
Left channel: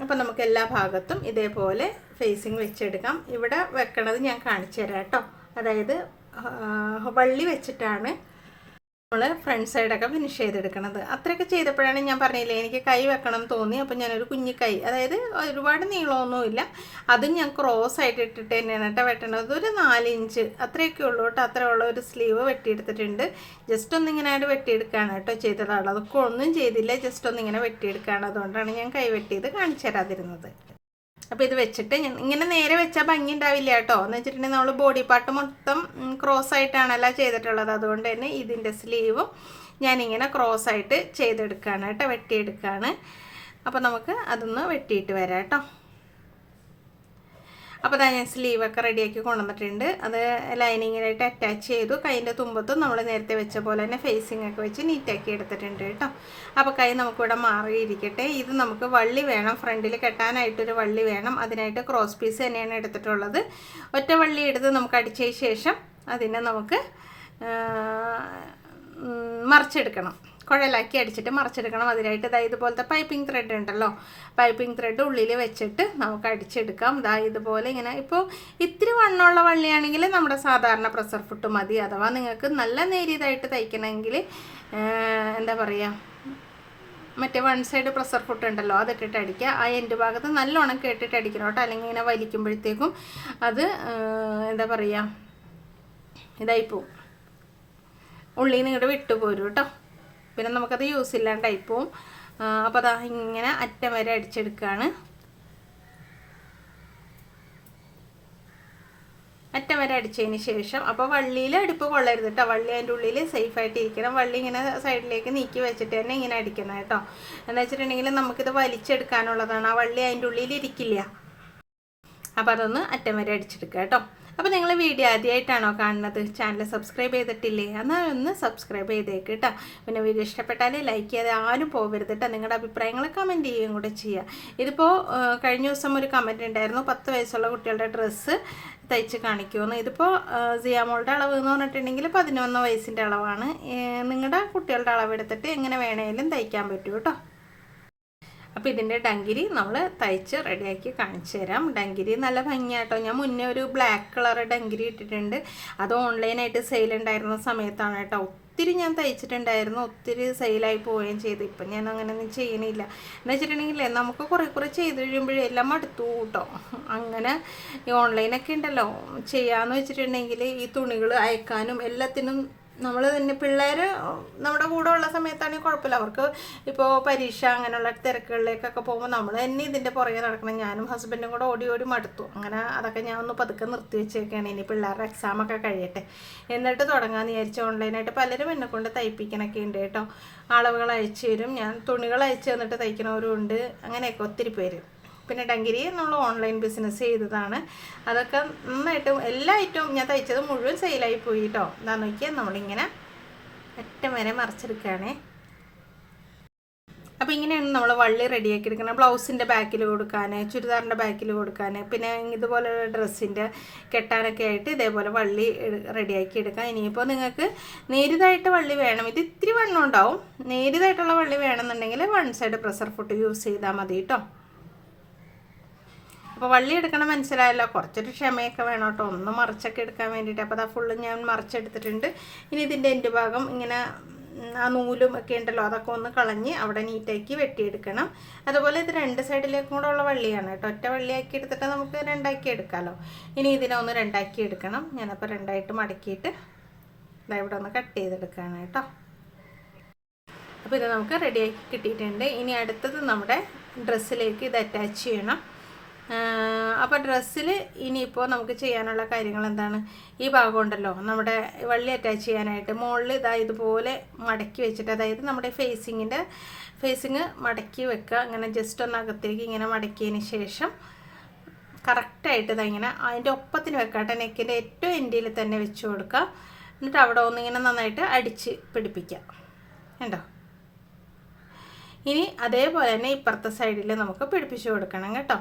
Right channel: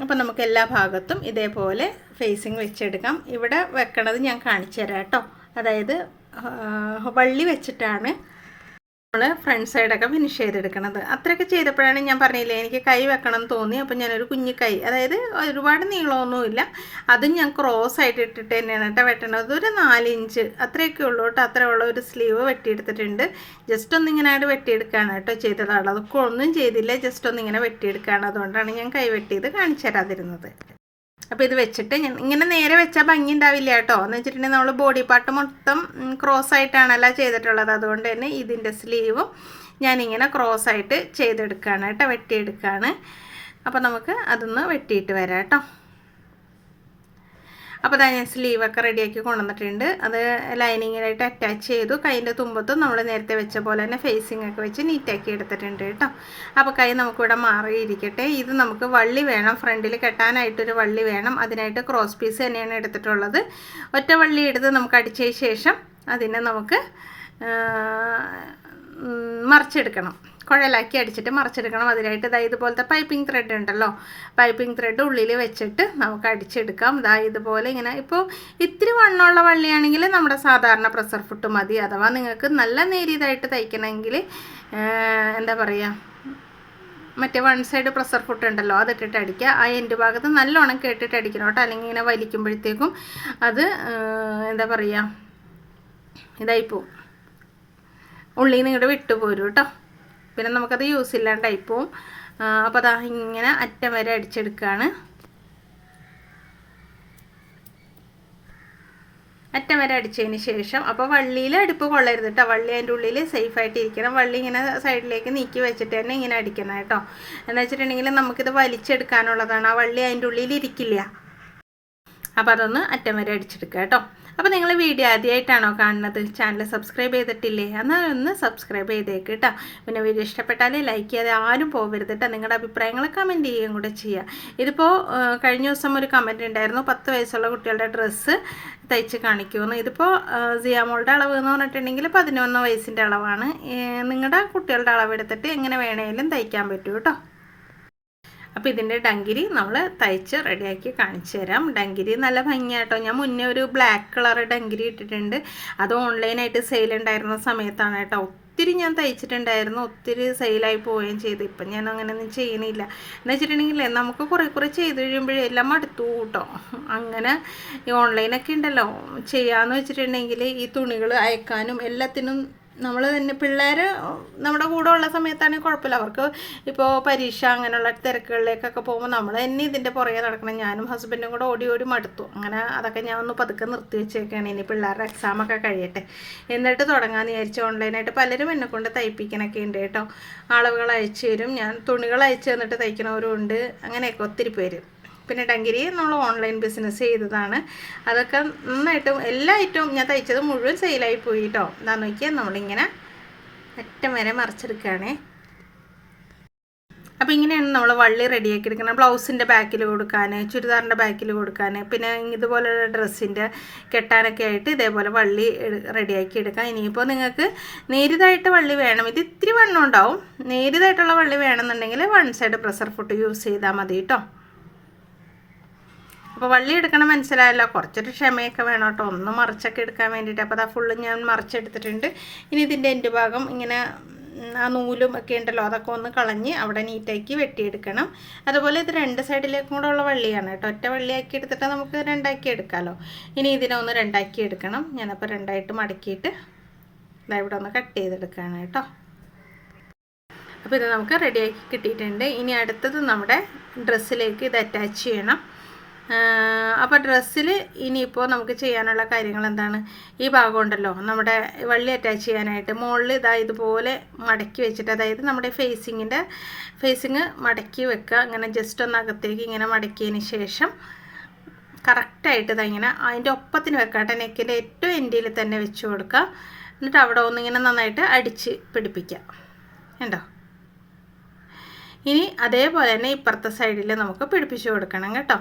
അപ്പോൾ നമുക്ക് എല്ലാ ഭാഗത്തും ഇതേപോലെ ഫേസിങ് വെച്ചെടുക്കാം. ഇവിടെ വെക്കണത് ഞാൻ കാണിച്ചു തരാം കേട്ടോ. അതായത് വള്ളി വെച്ചിട്ടാണ് നമ്മൾ ഫ്രണ്ട് സൈഡൊക്കെ ഫിനിഷ് ചെയ്തെടുക്കണത്. അത്രയൊക്കെ ചെയ്തപ്പോഴാണ് ഞാൻ പറഞ്ഞില്ലേ എനിക്ക് കൈ വെക്കണം തോന്നി. അപ്പോൾ ഞാനൊരു കുഞ്ഞു കൈ അതായത് ഒരുപാട് നീളമൊന്നുമില്ല. അതും ഞാൻ ക്രോസ് ആയിട്ട് ഇട്ടിട്ട് തന്നെയാണ് കേട്ടോ വെട്ടണത്. ഒരു നാലിഞ്ച് അത്രയൊക്കെ ഉള്ളൂ കേട്ടോ. അത്ര ഉള്ള ഒരു സ്ലീവ് വെട്ടിയെടുത്തിട്ടുണ്ട്. ജസ്റ്റ് ഒന്നിങ്ങനെ വെട്ടിയെടുക്കുകയാണ് കേട്ടോ ചെയ്തതാണ് അതൊക്കെ ഒന്നും ചെയ്തില്ല ജസ്റ്റ് ഒന്നിങ്ങനെ വെട്ടിയെടുക്കുകയാണ് അതുകൊണ്ടാണ് ഞാൻ കൈ വെട്ടിയത് കാണിച്ചു തരാതിരുന്നത്. അപ്പോൾ ഇത് വെച്ചിട്ട് ഇങ്ങനെ നേരെ വെച്ചാൽ ഭംഗി ഉണ്ടാവില്ല കേട്ടോ. എന്ന് വെച്ചിട്ടുണ്ടെങ്കിൽ നമ്മൾ ബോഡി പാർട്ട് മൊത്തം ക്രോസ് ആയിട്ടാണല്ലോ ചെയ്തിട്ടുള്ളത്. അതുകൊണ്ട് തന്നെ ഇതിന്റെ സ്ലീവും ഞാനിങ്ങനെ ക്രോസ് ആയിട്ട് ചെയ്തെടുക്കുകയാണ് കേട്ടോ വെട്ടിയെടുക്കുകയാണ് അപ്പോൾ നമുക്ക് അതൊന്ന് വെട്ടിയിട്ട് വരാം കേട്ടോ. അപ്പോൾ അതാ ഞാൻ സ്ലീവൊക്കെ റെഡിയാക്കി കൊണ്ടുവന്നിട്ടുണ്ട്. അത് ലൈനിങ്ങിലായിട്ട് അറ്റാച്ച് ചെയ്തു. കൈന്റെ തുമ്പത്തും നമ്മൾ നേരത്തെ വെച്ച പോലെ തന്നെ ഫേസിംഗ് ഒക്കെ വെച്ച് നീറ്റാക്കി എടുത്തിട്ടുണ്ട് കേട്ടോ. അപ്പോൾ കൈ നമുക്കിവിടെ മാറിയിരിക്കട്ടെ. ഇത് നമുക്ക് വള്ളി വേണം. ഫ്രണ്ടിൽ കെട്ടാനായിട്ടൊരു വള്ളി വേണം. അതിനായിട്ട് ക്രോസ് പീസ് തന്നെയാണ് എടുത്തിട്ടുള്ളത്. ഒറ്റ വള്ളി എടുത്ത് നമുക്ക് അടിച്ചതിന് ശേഷം അതിനെ നമുക്ക് മറിച്ചെടുക്കണം. കുഴലാക്കി അടിച്ചിട്ട് മറിച്ചെടുക്കണം. അതിനായിട്ട് ഇതാ ഇതുപോലത്തെ പൈപ്പിംഗ് ത്രെഡ് ഉണ്ടല്ലോ. പൈപ്പിംഗ് ത്രെഡ് ഉള്ളിൽ വെച്ചിട്ട് നമുക്ക് അടിച്ചെടുക്കാം. ഇതാ ഇതുപോലെ ഇങ്ങനെ. ഇപ്പോൾ ഇത്തിരി വണ്ണമുള്ള വള്ളിയാണെങ്കിൽ നമ്മുടെ സാധാരണ പ്രസർ ഫുട്ട് മതി. അഥവാ നിങ്ങൾക്ക് നല്ല നേരിയതായിട്ട് തയ്ക്കണമെങ്കിൽ എന്താ പറയുക മറ്റേ വൺ സൈഡ് പ്രഷർ ഫുട്ട് ഉണ്ടല്ലോ അതിട്ടിട്ട് അടിക്കുക. ആ എന്റെ ഭാഗത്ത് നല്ലോണം കേട്ടിട്ട് അടിക്കണം കേട്ടോ. അല്ലെങ്കിൽ ഇങ്ങനെ വലിക്കുമ്പോഴത്തേക്കും അത് എന്താ പറയുക ഇതായിപ്പോവും ഉള്ളിൽ നിങ്ങളുടെ വിട്ടുപോരും കേട്ടോ. പിന്നെ നമുക്കത് യൂസ് ഇല്ലാണ്ടായി പോവും അപ്പോൾ അതാ ഇങ്ങനെ അറ്റം വരെ അടിച്ചെടുക്കുകയാണ് അറ്റം വരെ അടിച്ചതിന് ശേഷം അപ്പോൾ വള്ളിയിൽ അടുപ്പ് കൊള്ളരുത് കേട്ടോ വള്ളി അതിന്റെ ഉള്ളിൽ സേഫായിട്ട് ഇരിക്കണം. വള്ളി ഇങ്ങനെ സൈഡിലേക്ക് നീക്കി വെച്ചിട്ട് തന്നെ ഇങ്ങനെ അടിക്കണം കേട്ടോ എന്ന് വെച്ചിട്ടുണ്ടെങ്കിൽ നമുക്കിത് വലിച്ചെടുക്കാനുള്ളതാണ്. ആ വള്ളി അതിന്റെ ഉള്ളിൽ ഇരിക്കില്ല. അപ്പോൾ അതൊന്ന് അറ്റം വരെ അടിച്ചെടുക്കുക കേട്ടോ അപ്പോൾ നിങ്ങൾ വീഡിയോ ആദ്യമായിട്ടാണോ കാണുന്നത്? ചാനൽ സബ്സ്ക്രൈബ് ചെയ്തിട്ടില്ലേ? എന്നാൽ ഒന്ന് സബ്സ്ക്രൈബ് ചെയ്തേക്ക് കേട്ടോ പിന്നെ വീഡിയോ ഇഷ്ടപ്പെട്ടാലേ ലൈക്ക് ചെയ്യാതെ ആരും പോകരുത് കേട്ടോ നിങ്ങളുടെ അഭിപ്രായങ്ങൾ കമന്റ് ചെയ്യുകയും കൂടെ ചെയ്യുക ഇതിപ്പോൾ കഴിഞ്ഞ ദിവസം ഒരു കമന്റ് ഉണ്ടായിരുന്നു. പത്ത് വയസ്സുള്ള കുട്ടികളുടെ ഡ്രസ്സ് തയ്ച്ച് കാണിക്കുമെന്ന്. ഇതിപ്പോൾ സിയാമോളുടെ അളവ് എന്ന് പറഞ്ഞിട്ടുണ്ടെങ്കിൽ പതിനൊന്ന് വയസ്സിന്റെ അളവാണ്. നിങ്ങളുടെ കുട്ടികളുടെ അളവെടുത്തിട്ട് എങ്ങനെ വേണേലും തയ്ക്കാൻ പറ്റും കേട്ടോ അപ്പോൾ ഇതിന്റെ ഡങ്കിരി നമ്മൾ തയ്ച്ച് റെഡിയാക്കി കാണിച്ചു തരാം. ഡങ്കിരി നല്ല ഭംഗിയാട്ടോ. ഞാൻ മുന്നേ ഒരു ബ്ലാക്ക് കളർ ഡങ്കിരി ഇട്ടിട്ടുണ്ട്. അത് ഓൺലൈനായിട്ട് സെയിൽ ഉണ്ടായിരുന്ന സമയത്താണ് കേട്ടോ. ഒത്തിരി ഞാൻ തയ്ച്ചിട്ടുണ്ടായിരുന്നു. ഒത്തിരി സെയിലായി പോവുകയും ചെയ്തു. ഇപ്പം ഞാൻ അങ്ങനെയൊന്നും ചെയ്യണില്ല. എന്ന് വെച്ചിട്ടുണ്ടെങ്കിൽ നമുക്ക് കുറേ കുറേ ചെയ്ത് കഴിയുമ്പോഴേ എല്ലാം മടുത്തു കൂട്ടോ. അങ്ങനെ ഈ ഓൺലൈനൊക്കെ ഉണ്ടല്ലോ. ചെയ്യാമെന്ന് വെച്ചിട്ടുണ്ടെങ്കിൽ ഈ തുണികൾ അയക്കാനും എല്ലാത്തിനും നമ്മൾ തന്നെ പിള്ളേർ നമ്മുടെ കൂടെ ഉള്ള സമയത്താണെങ്കിൽ കുഴപ്പമില്ല. അവർക്ക് ഇപ്പോൾ പരീക്ഷ അങ്ങനെയുള്ള തിരക്കുകളിലേക്കൊക്കെ പോകുമ്പോൾ നമ്മൾ തന്നെ ഇതിന്റെ പുറകെ നടക്കണം. ഞാനും ഹസ്ബൻഡും കൂടെ ഓടി ഓടി മടുത്തു. അങ്ങനെ അതൊക്കെ ഞാൻ ഒന്ന് പതുക്കെ നിർത്തി വെച്ചേക്കാണ്. ഇനി പിള്ളേരുടെ എക്സാമൊക്കെ കഴിയട്ടെ. എന്നിട്ട് തുടങ്ങാമെന്ന് വിചാരിച്ചു ഓൺലൈനായിട്ട് പലരും എന്നെ കൊണ്ട് തയ്പ്പിക്കണൊക്കെ ഉണ്ട് കേട്ടോ. അളവുകൾ അയച്ചു തരും. ഞാൻ തുണികൾ അയച്ചു തന്നിട്ട് തയ്ക്കണവരും ഉണ്ട്. അങ്ങനെയൊക്കെ ഒത്തിരി പേര്. പിന്നെ ഡങ്കിരി നമ്മൾ ഓൺലൈൻ ബിസിനസ് ചെയ്തതാണ്. അതൊക്കെ നന്നായിട്ട് എല്ലാ ഐറ്റവും ഞാൻ തയ്ച്ചത് മുഴുവൻ സെയിലായി പോയി കേട്ടോ എന്താണെന്ന് നോക്കിയാൽ നമ്മളിങ്ങനെ അറ്റം വരെ മറിച്ചെടുക്കുകയാണേ. അപ്പോൾ ഇങ്ങനെയാണ് നമ്മൾ വള്ളി റെഡിയാക്കി എടുക്കുന്നത് ബ്ലൗസിന്റെ ബാക്കിൽ കൊടുക്കാൻ ചുരിദാറിന്റെ ബാക്കിൽ കൊടുക്കാൻ പിന്നെ ഇതുപോലെ ഡ്രസ്സിന്റെ കെട്ടാനൊക്കെ ആയിട്ട് ഇതേപോലെ വള്ളി റെഡിയാക്കി എടുക്കാം. ഇനിയിപ്പോൾ നിങ്ങൾക്ക് നേരിതായിട്ട് വള്ളി വേണം. ഇത് ഇത്തിരി വണ്ണം ഉണ്ടാവും. നേരിതായിട്ടുള്ള വള്ളി വേണമെന്നുണ്ടെങ്കിൽ one side pressure foot use ചെയ്താൽ മതി കേട്ടോ അപ്പോൾ വള്ളി എടുക്കണം മനസ്സിലായല്ലോ. കുറച്ചൊരു ക്ഷമയൊക്കെ വേണം കേട്ടോ. ഒന്ന് മറിച്ചൊക്കെ എടുക്കാൻ വേണ്ടിയിട്ട്. അപ്പോൾ അതാ ഫുള്ള് ഞാൻ മറിച്ചെടുത്തിട്ടുണ്ട്. ഇനി ഇതിന്റെ എന്റെ ഭാഗം ഇങ്ങനെ ആ നൂലും ഒക്കെ ഉണ്ടല്ലോ അതൊക്കെ ഒന്ന് കളഞ്ഞ് അവിടെ നീറ്റാക്കി വെട്ടിയെടുക്കണം. അതുപോലെ ഇത് രണ്ട് സൈഡിലേക്കും കൂടെ ഉള്ള വള്ളിയാണ് കേട്ടോ. ഒറ്റ വള്ളിയാക്കി എടുത്തിട്ട് നമുക്ക് രണ്ടാക്കി എടുക്കാമല്ലോ ഇനി ഇതിനെ ഒന്ന് രണ്ടാക്കി എടുക്കണം. ഞാനപ്പോൾ രണ്ടായിട്ട് മടക്കിയിട്ട് ഇതാ ഇവിടെ ഒന്ന് കട്ട് ചെയ്തെടുക്കുകയാണ് കേട്ടോ. അപ്പോൾ ഇത് നമുക്ക് റെഡിയാക്കി കിട്ടിയിട്ടുണ്ട്. ഇനി അടുത്തത് നമ്മുടെ ഡ്രസ്സിലേക്ക് ഇത് അറ്റാച്ച് ചെയ്യണം. അപ്പോൾ ഡ്രസ്സിൽ ഇനിയിപ്പോൾ നമുക്ക് ചെയ്യാനുള്ള കാര്യങ്ങൾ എന്താണ്? ഈ ഭാഗം ഉണ്ടല്ലോ നമ്മുടെ വള്ളി അറ്റാച്ച് ചെയ്യാനായിട്ട് മുകളിൽ ഇതാ ഇതുപോലെ മടക്കി വെച്ചിട്ട് അതായത് നമ്മുടെ ഫേസിങ്ങിന്റെ ഫേസിങ് മടക്കി വെക്കുക. അങ്ങനെ ജസ്റ്റ് ഒന്ന് അകത്തേക്ക് ഇങ്ങനെ മടക്കിയതിന് ശേഷം കറക്റ്റായിട്ട് ഇങ്ങനെ അതിന്റെ ഒപ്പത്തിന് വെക്കാട്ടെ നെക്കിന്റെ ഏറ്റവും എൻഡിൽ തന്നെ വെച്ച് കൊടുക്കുക. എന്നിട്ട് അവിടെ ഒന്നിങ്ങനെ നന്നായിട്ട് അടിച്ച് പിടിപ്പിക്കുക. ഉണ്ടോ ഇനി അതേപോലെ തന്നെ ഇപ്പുറത്തെ സൈഡിൽ നമുക്ക് പിടിപ്പിച്ച് കൊടുക്കണം കേട്ടോ.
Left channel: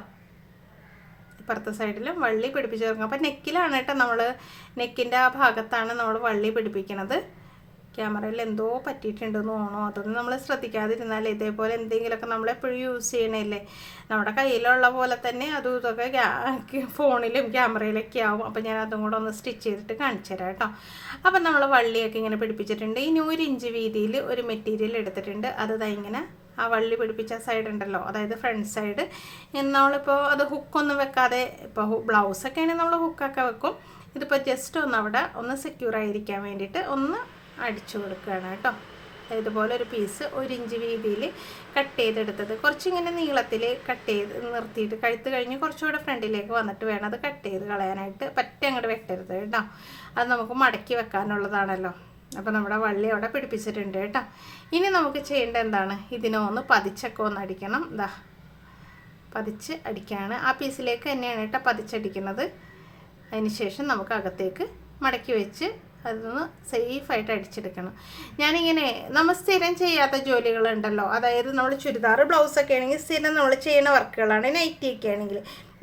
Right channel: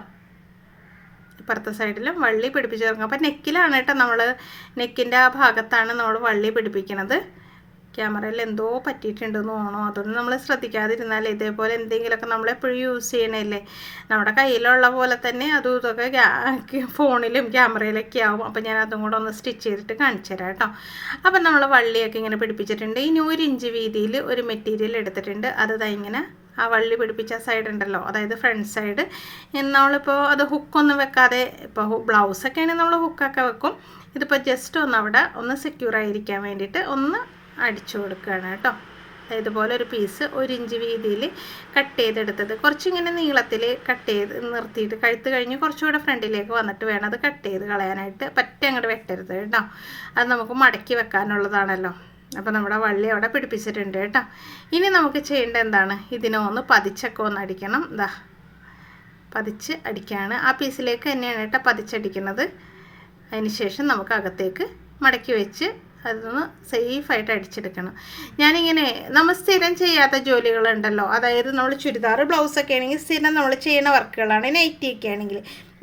ഇപ്പുറത്തെ സൈഡിലും വള്ളി പിടിപ്പിച്ച് തുടങ്ങും. അപ്പോൾ നെക്കിലാണ് കേട്ടോ നമ്മൾ നെക്കിന്റെ ആ ഭാഗത്താണ് നമ്മൾ വള്ളി പിടിപ്പിക്കുന്നത് ക്യാമറയിൽ എന്തോ പറ്റിയിട്ടുണ്ടെന്ന് തോന്നണോ അതൊന്നും നമ്മൾ ശ്രദ്ധിക്കാതിരുന്നാൽ ഇതേപോലെ എന്തെങ്കിലുമൊക്കെ നമ്മൾ എപ്പോഴും യൂസ് ചെയ്യണല്ലേ. നമ്മുടെ കയ്യിലുള്ള പോലെ തന്നെ അതും ഇതൊക്കെ ഫോണിലും ക്യാമറയിലൊക്കെ ആവും. അപ്പോൾ ഞാൻ അതും കൂടെ ഒന്ന് സ്റ്റിച്ച് ചെയ്തിട്ട് കാണിച്ചു തരാം കേട്ടോ. അപ്പം നമ്മൾ വള്ളിയൊക്കെ ഇങ്ങനെ പിടിപ്പിച്ചിട്ടുണ്ട്. ഇനി ഒരു ഇഞ്ച് വീതിയിൽ ഒരു മെറ്റീരിയൽ എടുത്തിട്ടുണ്ട്. അത് ഇങ്ങനെ ആ വള്ളി പിടിപ്പിച്ച സൈഡ് ഉണ്ടല്ലോ. അതായത് ഫ്രണ്ട് സൈഡ് നമ്മളിപ്പോൾ അത് ഹുക്കൊന്നും വെക്കാതെ ഇപ്പോൾ ബ്ലൗസൊക്കെ ആണെങ്കിൽ നമ്മൾ ഹുക്കൊക്കെ വെക്കും. ഇതിപ്പോൾ ജസ്റ്റ് ഒന്ന് അവിടെ ഒന്ന് സെക്യൂർ ആയിരിക്കാൻ വേണ്ടിയിട്ട് ഒന്ന് അടിച്ചു കൊടുക്കുകയാണ് കേട്ടോ. ഇതുപോലെ ഒരു പീസ് ഒരു ഇഞ്ച് വീതിയിൽ കട്ട് ചെയ്തെടുത്തത്. കുറച്ചിങ്ങനെ നീളത്തിൽ കട്ട് ചെയ്ത് നിർത്തിയിട്ട് കഴുത്ത് കഴിഞ്ഞ് കുറച്ചുകൂടെ ഫ്രണ്ടിലേക്ക് വന്നിട്ട് വേണം അത് കട്ട് ചെയ്ത് കളയാനായിട്ട്. പറ്റ അങ്ങോട്ട് വെട്ടരുത് കേട്ടോ. അത് നമുക്ക് മടക്കി വെക്കാനുള്ളതാണല്ലോ. അപ്പോൾ നമ്മുടെ വള്ളി അവിടെ പിടിപ്പിച്ചിട്ടുണ്ട് കേട്ടോ. ഇനി നമുക്ക് ചെയ്യേണ്ട എന്താണ്? ഇതിനെ ഒന്ന് പതിച്ചൊക്കെ ഒന്ന് അടിക്കണം. ഇതാ പതിച്ച് അടിക്കുകയാണ് ആ പീസിലേക്ക് തന്നെയാണ് കേട്ടോ പതിച്ചടിക്കുന്നത്. അതിന് ശേഷം നമുക്ക് അകത്തേക്ക് മടക്കി വെച്ച് അതൊന്ന് സേഫായിട്ട് അടിച്ചെടുക്കണം. ഞാനിങ്ങനെ നമ്മൾ സ്ഥിരം ചെയ്യാത്ത ജോലികളുണ്ടല്ലോ. അതായത് നമ്മൾ ചുരിദാർ ബ്ലൗസൊക്കെ ആണെങ്കിൽ സ്ഥിരം നമ്മൾ ചെയ്യുന്ന വർക്കുകളാണ് നൈറ്റിയൊക്കെ ആണെങ്കിൽ.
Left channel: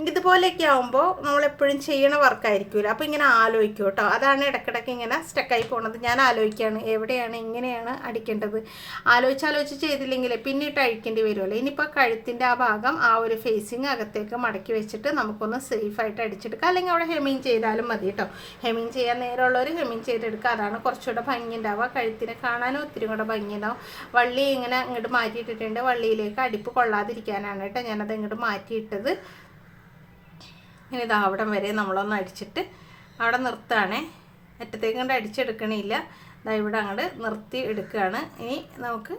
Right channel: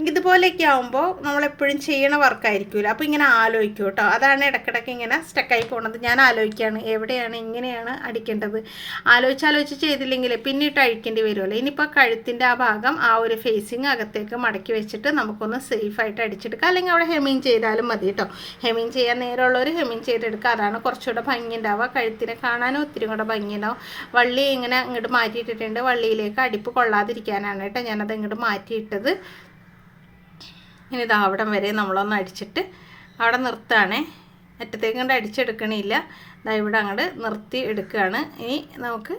ഇതുപോലെയൊക്കെ ആകുമ്പോൾ നമ്മളെപ്പോഴും ചെയ്യണ വർക്കായിരിക്കുമല്ലോ അപ്പോൾ ഇങ്ങനെ ആലോചിക്കും കേട്ടോ. അതാണ് ഇടയ്ക്കിടയ്ക്ക് ഇങ്ങനെ സ്റ്റക്കായി പോകുന്നത് ഞാൻ ആലോചിക്കുകയാണ് എവിടെയാണ് എങ്ങനെയാണ് അടിക്കേണ്ടത്. ആലോചിച്ചാലോചിച്ച് ചെയ്തില്ലെങ്കിൽ പിന്നീട്ട് അഴിക്കേണ്ടി വരുമല്ലോ ഇനിയിപ്പോൾ കഴുത്തിന്റെ ആ ഭാഗം ആ ഒരു ഫേസിങ് അകത്തേക്ക് മടക്കി വെച്ചിട്ട് നമുക്കൊന്ന് സേഫായിട്ട് അടിച്ചെടുക്കാം. അല്ലെങ്കിൽ അവിടെ ഹെമിങ് ചെയ്താലും മതി കേട്ടോ. ഹെമിങ് ചെയ്യാൻ നേരമുള്ളവർ ഹെമിങ് ചെയ്തെടുക്കുക. അതാണ് കുറച്ചുകൂടെ ഭംഗി ഉണ്ടാവുക കഴുത്തിനെ കാണാനും ഒത്തിരി കൂടെ ഭംഗി ഉണ്ടാവും വള്ളി ഇങ്ങനെ ഇങ്ങോട്ട് മാറ്റിയിട്ടിട്ടുണ്ട്. വള്ളിയിലേക്ക് അടിപ്പ് കൊള്ളാതിരിക്കാനാണ് കേട്ടോ. ഞാനത് ഇങ്ങോട്ട് മാറ്റിയിട്ടത്. ഇനി ഇത് അവിടം വരെ നമ്മളൊന്ന് അടിച്ചിട്ട് അവിടെ നിർത്തുകയാണേ. അറ്റത്തേക്ക് കൊണ്ട് അടിച്ചെടുക്കണില്ല. ഇതാ ഇവിടെ അങ്ങോട്ട് നിർത്തി എടുക്കുകയാണ്. ഇനി നമുക്ക്